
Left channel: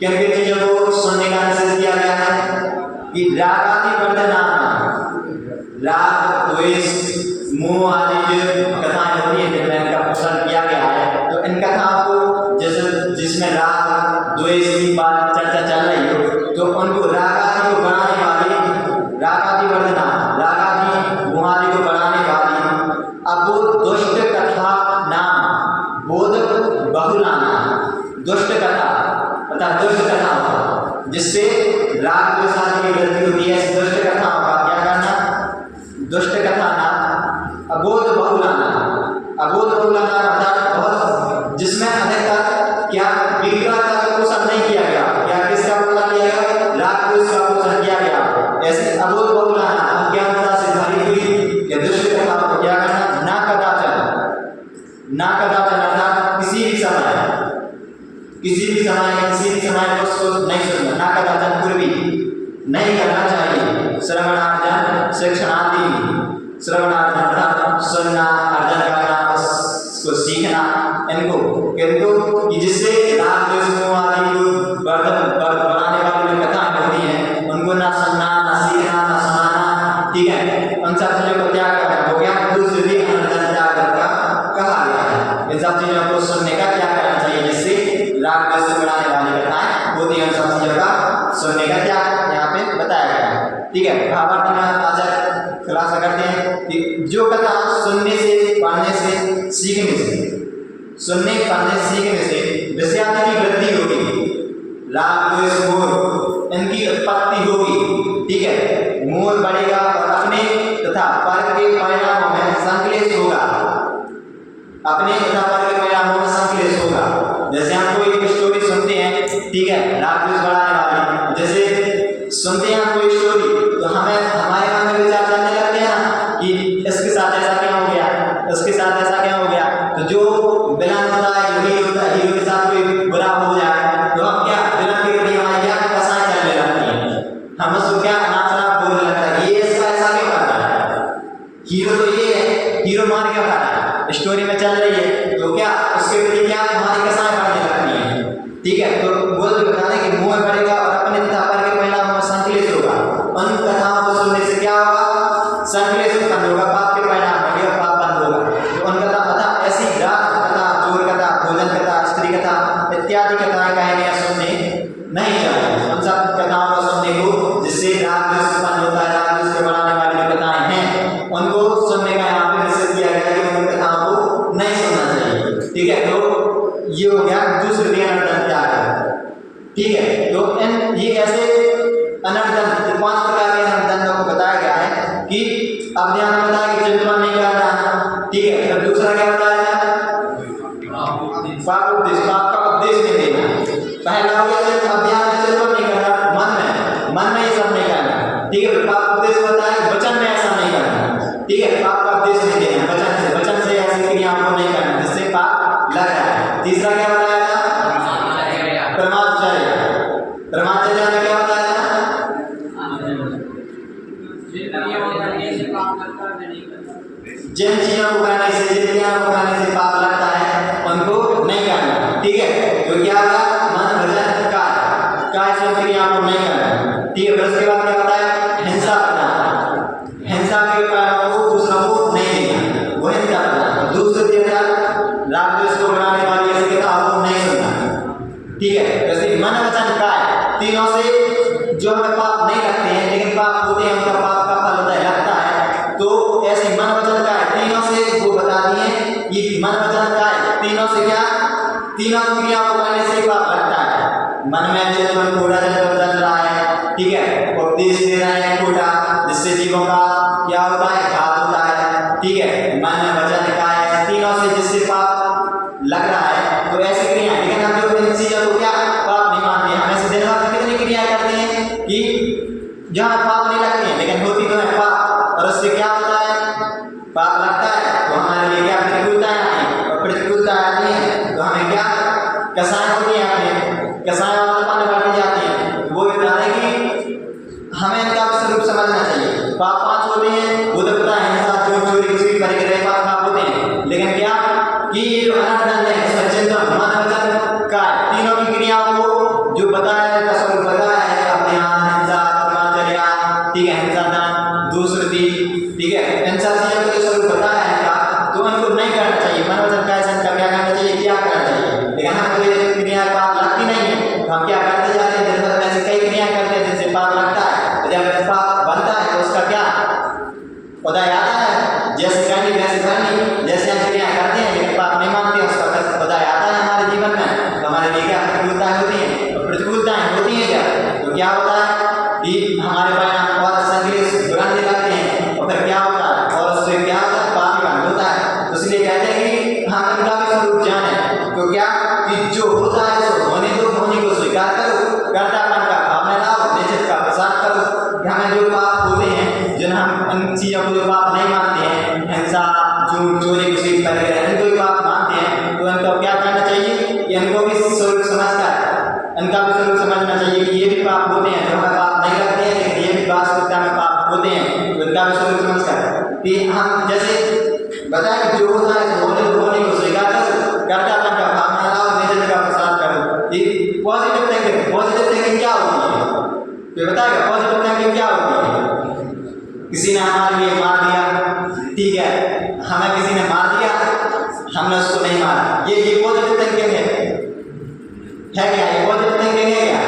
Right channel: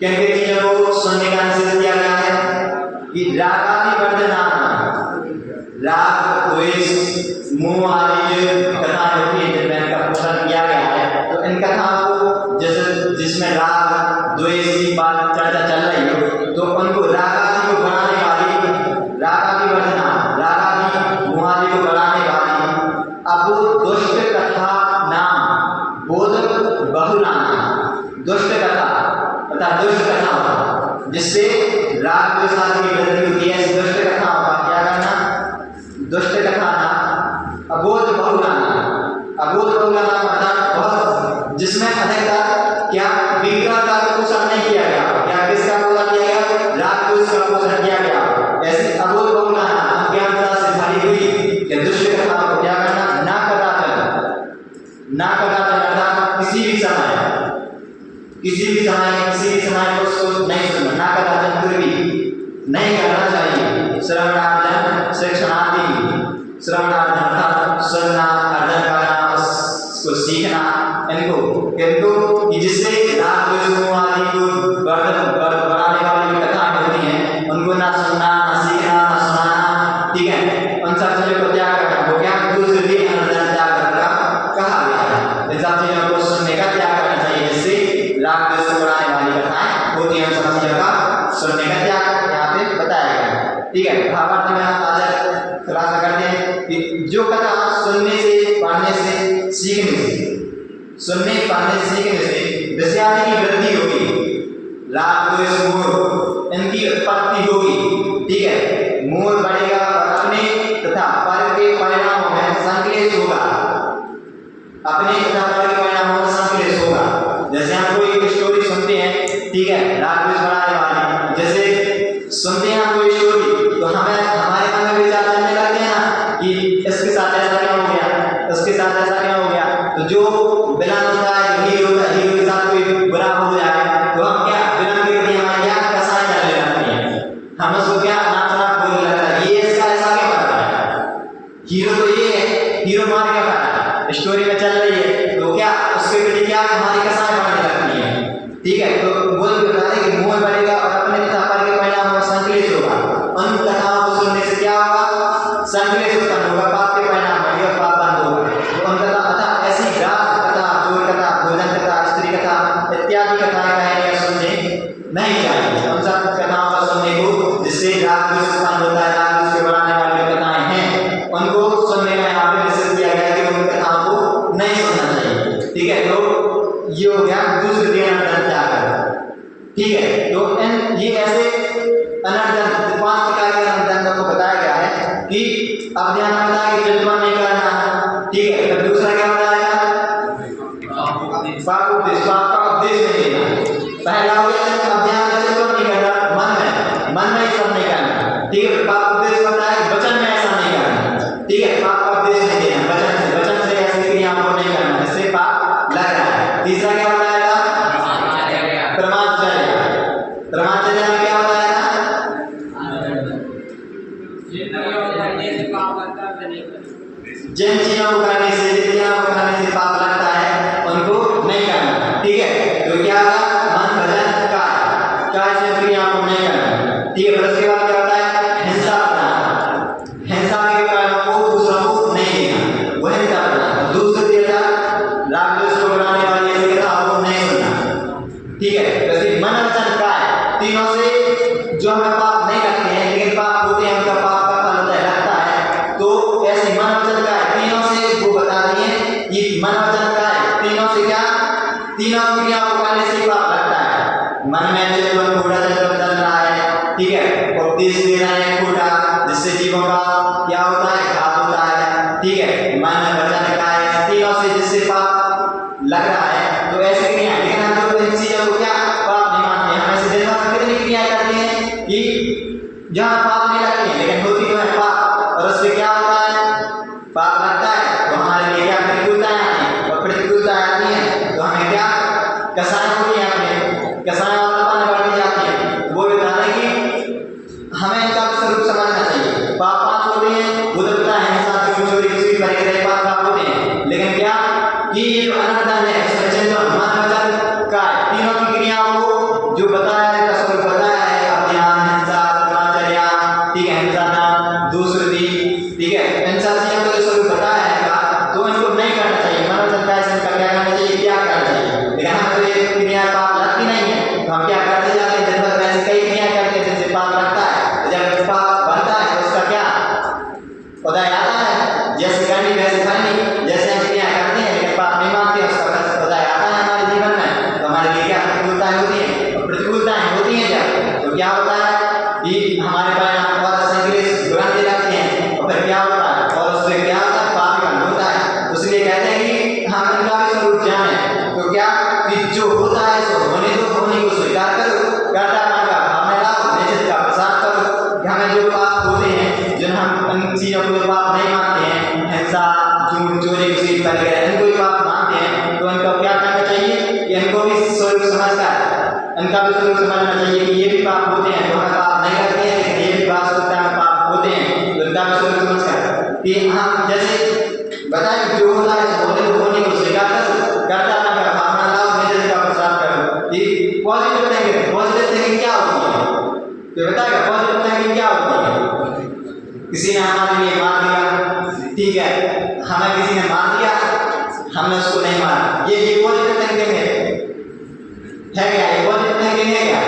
किन-किन चीजों को सुनने का निषेध किया गया है कि राग आदि वर्धयाना, राग द्वेष मोह आदि जो कथाएं होती है जिनमें इनका पोषण किया गया है, तो इन कथाओं को जैसे जिसमें राग द्वेष की बात चर्चा चल रही हो तो उनको राग आदि को बढ़ाने वाली, राग आदि वर्धना, राग आदि मोह आदि को बढ़ाने वाली अब दुष्ट कथा नाम बोध बहुलाना, दुष्ट कथा अर्थात दुष्ट कथा जिससे राग द्वेष आदि की वृद्धि होती है, ऐसी दुष्ट कथाओं का क्या करना, दुष्ट कथा नाम अबोध बहुलाना, अबोध बहुलाना अर्थात बहुत जिसमें अधिकता क्या विग्रहता का पोषण नहीं किया गया, क्या किसका पोषण किया गया, राग द्वेष का पोषण किया गया, ऐसी अबोध बहुलाना अज्ञानता से भरी हुई या दुष्ट कथाओं को क्या करना, ना कदाचन अर्थात किसी भी समय उसको नहीं सुनना, ना कदाचन पूर्वी नहीं करना चाहिए। श्रवणार्जन शिक्षणादि, श्रवणार्जन अर्थात सुनना, अर्जन करना, उसको सीखना, इनको कि जिससे राग द्वेष आदि को बढ़ाने वाली जो कथाएं होती हैं उनको ना सुनना, ना सीखना, ना सुनाना। ठीक है, उन सब चीज़ों को त्याग करना हो गया, दूसरी अनर्जन त्याग कहा गया है। इन सब चीज़ों को सुनने का त्याग करना चाहिए जिससे राग द्वेष को बढ़ाने वाली कथाएं होती हैं, उन सब चीज़ों का सुनने का त्याग यहाँ पे बताया गया है। ठीक है, भावार्थ में आचार्य खुलासा करते हैं कि जो कथा सुनने से, पढ़ने से, सीखने से, सुनने पढ़ने सीखने से विषयादि की वृद्धि होगी, राग द्वेष मोह इनकी उत्पत्ति होगी। ठीक है, मोह बढ़ेगा और अपने तथा पर के परिणामों में संक्लेश होगा, अपने तथा पर के परिणामों में संक्लेश होगा। जैसे हम कोई स्टोरी सुनते हैं, ठीक है, राग द्वेष बढ़ाने वाली, जैसे सुनते हैं हम कोई स्टोरी तो हमें हमारे मन में विचार चलने लगते हैं ना कि इसके साथ ऐसा क्या हो गया, इसके साथ ऐसा क्या हो गया, तो जो विलन होता है, जो हीरो होता है, हीरो के साथ कोई बुरा हो जाए तो हम क्या विलन के प्रति हमारी क्या कसाई चलने लगती है, हम उसको क्या नाचना बोलने लगता है, ये इसका ऐसा क्यों कर रहा है, हीरो तो ये है, हीरो मार क्या कर रहा है, स्टोरी में चल रही है तो क्या उसके प्रति क्या हमारी कसाई बढ़ने लगती है। ठीक है, तो बोल बता रहे कि मोह बढ़ेगा और अपने तथा पर के परिणाम में संक्लेश होगा। उन कथाओं को सुनने से क्या होगा, संक्लेश उत्पन्न होगा, पाप के परिणाम होंगे और पाप बंद होगा। तो उन कथा अर्थात ऐसी राग कथा, चोर कथा, भोजन कथा, स्त्री कथा इत्यादि कथाएं कहने या सुनने नहीं चाहिए। उन सब कथाओं को सुनने को जिससे राग राक्षसपन होता है, राक्षस के बढ़ाने वाली जो कथाएं हैं उनको सुनने का यहाँ पे निषेध किया गया कि उन कथाओं को नहीं सुनना चाहिए। ठीक है, तो ये हो गया दूसरे दिन अनर्थ त्याग कर। ठीक है, तो ये ऐसे अनर्थ 5 प्रकार के अनर्थ को बताया गया है कि अब ध्यान में बताया कि चिंतन नहीं करना। ठीक है, तब दूसरा क्या बताया पाप उपदेश, पाप का उपदेश नहीं देना। पहला हो गया अभियान में चिंतन नहीं करना, मन में ये सब नहीं करना। ठीक है, फिर पाप उपदेश बताया कि वचन में ऐसा नहीं करना। ठीक है, पाप का उपदेश नहीं देना, वचन से ऐसी क्रियाओं को नहीं करना जिससे पाप लग रहा है। तीसरा क्या बताया था ब्रह्मचर्य। ब्रह्मचर्य में क्या बताया था जिन चीजों को करने से, जिन क्रियाओं को करने से पाप लगता है उनको नहीं करना। ठीक है, तो क्या होगा मन वचन काय से क्रियाओं को नहीं करना। ठीक है, फिर उसके बाद क्या होता है हिंसा अपना, हिंसा के कारणों को दूसरों को नहीं देना, वो हिंसा अपना। दूसरे दिया राग द्वेष को बढ़ाने वाली ऐसी कथाओं को नहीं सुनना। ठीक है, वैसे मन वचन काय तीनों से जो हमें पाप नहीं लगते हैं लेकिन पाप होते हैं, उनका पाप का फल होता है लगता है। तो ऐसे मन वचन काय तीनों से वो बताती है, ये मन वचन काय तीनों से क्या, तीनों क्रियाओं को करने से पाप लगता है। मन में चिंतन कूड़ा चिंतन चल रहा है। ठीक है, उपदेश दे रहे हैं कूड़ा, जिससे जीवों का क्या होता है घात होता है। ठीक है, मन वचन काय तीनों से जिससे पाप लग रहा है, तो ऐसी क्रियाएं। लेकिन हम जो इन चीजों को क्या पाप नहीं मानते हैं, हम ऐसे दिन भर में कितनी क्रियाएं करते हैं कि जहाँ पाप नहीं लगती है लेकिन होती तो है पाप, और उससे क्या होता है पाप लगता है। तो हमारे लिए क्या प्रतिकूलताएं आती हैं, और प्रतिकूलताएं आती हैं तो हमें क्या कसाई होती है, अपने कसाई वाले बढ़ती जाती है। वो बता रहे कि हमें इनका स्वरूप समझना चाहिए। पाप 5 होते हैं, उदकता है, हिंसा, चोर, चोरी, कुछ परिग्रह, पाप होते हैं। लेकिन क्या कि ये जो अनर्थ है चिंतन मन वचन काय तीनों की क्रियाओं को जो बताया है का स्वरूप बताया है अभियान, हिंसा, ब्रह्मचर्य, ठीक है, हिंसा दान, दूसरी, ठीक है, इन सब चीजों को जो स्वरूप बताया है का, तो इनको नहीं करना चाहिए। मन वचन काय से क्या करना चाहिए, क्या करना चाहिए। लेकिन हम तो ये क्रियाएं पाप लगती नहीं है, तो हम क्या करते जाते हैं, दिन भर में ऐसी कई क्रियाएं करते हैं जिनसे पाप लगता है। तो जब पाप बनता है तो उसका क्या उदय आता है, जैसे करनी वैसे करनी, जैसे हम क्रियाएं करते हैं लेकिन पाप नहीं मानते हैं, उसका उदय आता है हमारे जीवन में। तो हमारे लिए क्या प्रतिकूलताएं होती हैं, और प्रतिकूलताएं होती हैं जब, तो क्या होता है कि हमारे परिणाम और संग्लेश बिगड़ने लगते हैं, और फिर क्या होता है, और उससे क्या होता है पाप बन होता है। तो इसलिए कहते हैं कि हम इनका भी स्वरूप जाने, तो क्या कि जो होता है सो होने दो, होने को स्वीकार करो, कर्तापन का भाव में लाओ, निश्चित का प्रसाद करो। हमें जो पाप होते हैं, जिन हम इन चीज़ों को जो पाप नहीं मानते हैं, हिंसा, झूठ, चोरी, कुछ परिग्रह, इनको भी पाप मानते हैं, तो इनको क्या करना चाहिए कि इनको भी स्वरूप समझकर इनका भी स्वरूप समझना चाहिए कि ये भी पाप होते हैं, जो हमें पाप नहीं लगते हैं लेकिन ये भी वास्तविकता में पाप होते हैं। तो इनका भी स्वरूप समझकर कि हम जैसे बताएं जो होता है होने को स्वीकार करो, कर्तापन का भावना लाओ, निश्चित का प्रसाद करो। ये पॉजिटिव थिंकिंग, पॉजिटिव थिंकिंग क्या होती है तो बताएगा पॉजिटिव थिंकिंग क्या होती है। किसी ने हमारे लिए मार दिया, ठीक है, हमें किसी ने मार दिया, हमने उसको नहीं मारा, ये पॉजिटिव थिंकिंग है क्या, ये पॉजिटिव थिंकिंग है क्या,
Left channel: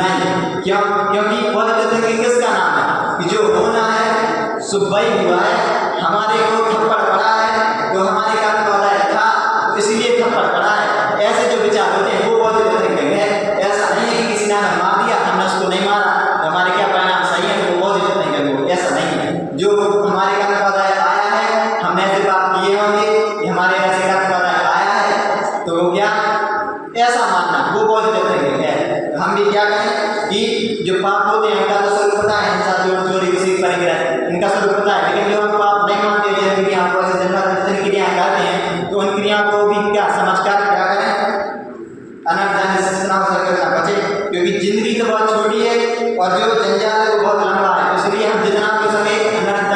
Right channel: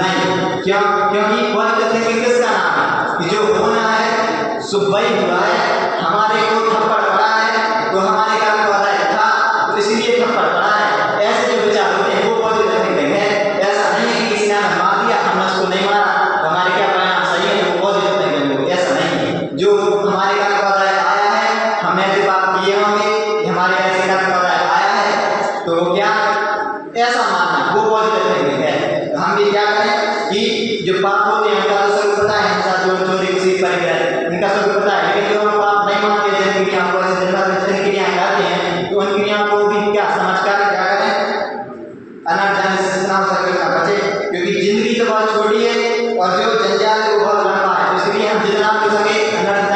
नहीं। क्यों, क्योंकि पॉजिटिव थिंकिंग किसका नाम है कि जो होना है सो वही हुआ है, हमारे को थप्पड़ पड़ा है तो हमारे काम वाला था तो इसलिए थप्पड़ पड़ा है। ऐसे जो विचार होते हैं वो पॉजिटिव थिंकिंग है। ऐसा नहीं है कि किसी ने हमें मार दिया, हमने उसको नहीं मारा तो हमारे क्या परिणाम सही है, तो वो पॉजिटिव थिंकिंग हो, ऐसा नहीं है। जो हमारे काम वाला आया है, हमने ऐसे बात किए होंगे, हमारे ऐसे काम वाला आया है, तो क्या ऐसा मानना वो पॉजिटिव थिंकिंग है। तो हम भी क्या करें कि जो पाप होते हैं उनका तो स्वरूप पता है, हिंसा, चोर, चोरी, कुछ परिग्रह, इनका स्वरूप पता है। लेकिन जो हम पाप नहीं मानते, जिन क्रियाओं को ऐसे जिन क्रियाएं करते हैं, तो उन क्रियाओं को भी क्या समझकर क्या करें, अनर्थ से जितना हो सके उतना बचे। क्योंकि जिंदगी तो बहुत छोटी है और जो जंजाल है वो बहुत लंबा है, तो इसलिए हम जितना हो सके अनर्थ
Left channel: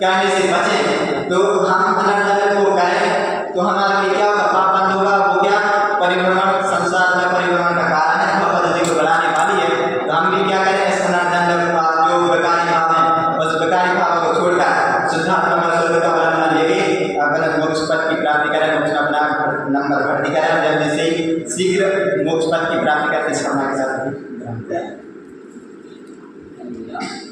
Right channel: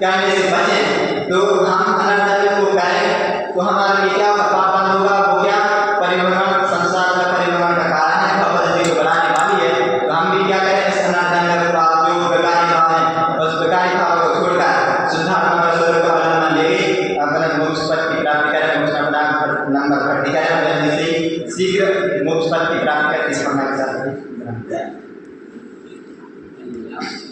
करने से बचें। तो हम अनर्थ को करें तो हमारे लिए क्या होगा, पाप बंद होगा। वो क्या परिभ्रमण, संसार में परिभ्रमण का कारण है, पद्धति को बढ़ाने वाली है। तो हम भी क्या करें, इस अनर्थ के पास जो बेकारी भाव है उस बेकारी भाव को छोड़कर शुद्धात्मा में स्वरूप का अवलंबन लेके अपने मोक्ष पद की प्राप्ति करें, मोक्ष में अपना नंबर भर्ती करें और जल्दी से शीघ्र मोक्ष पद की प्राप्ति करके इस के साथ हाँ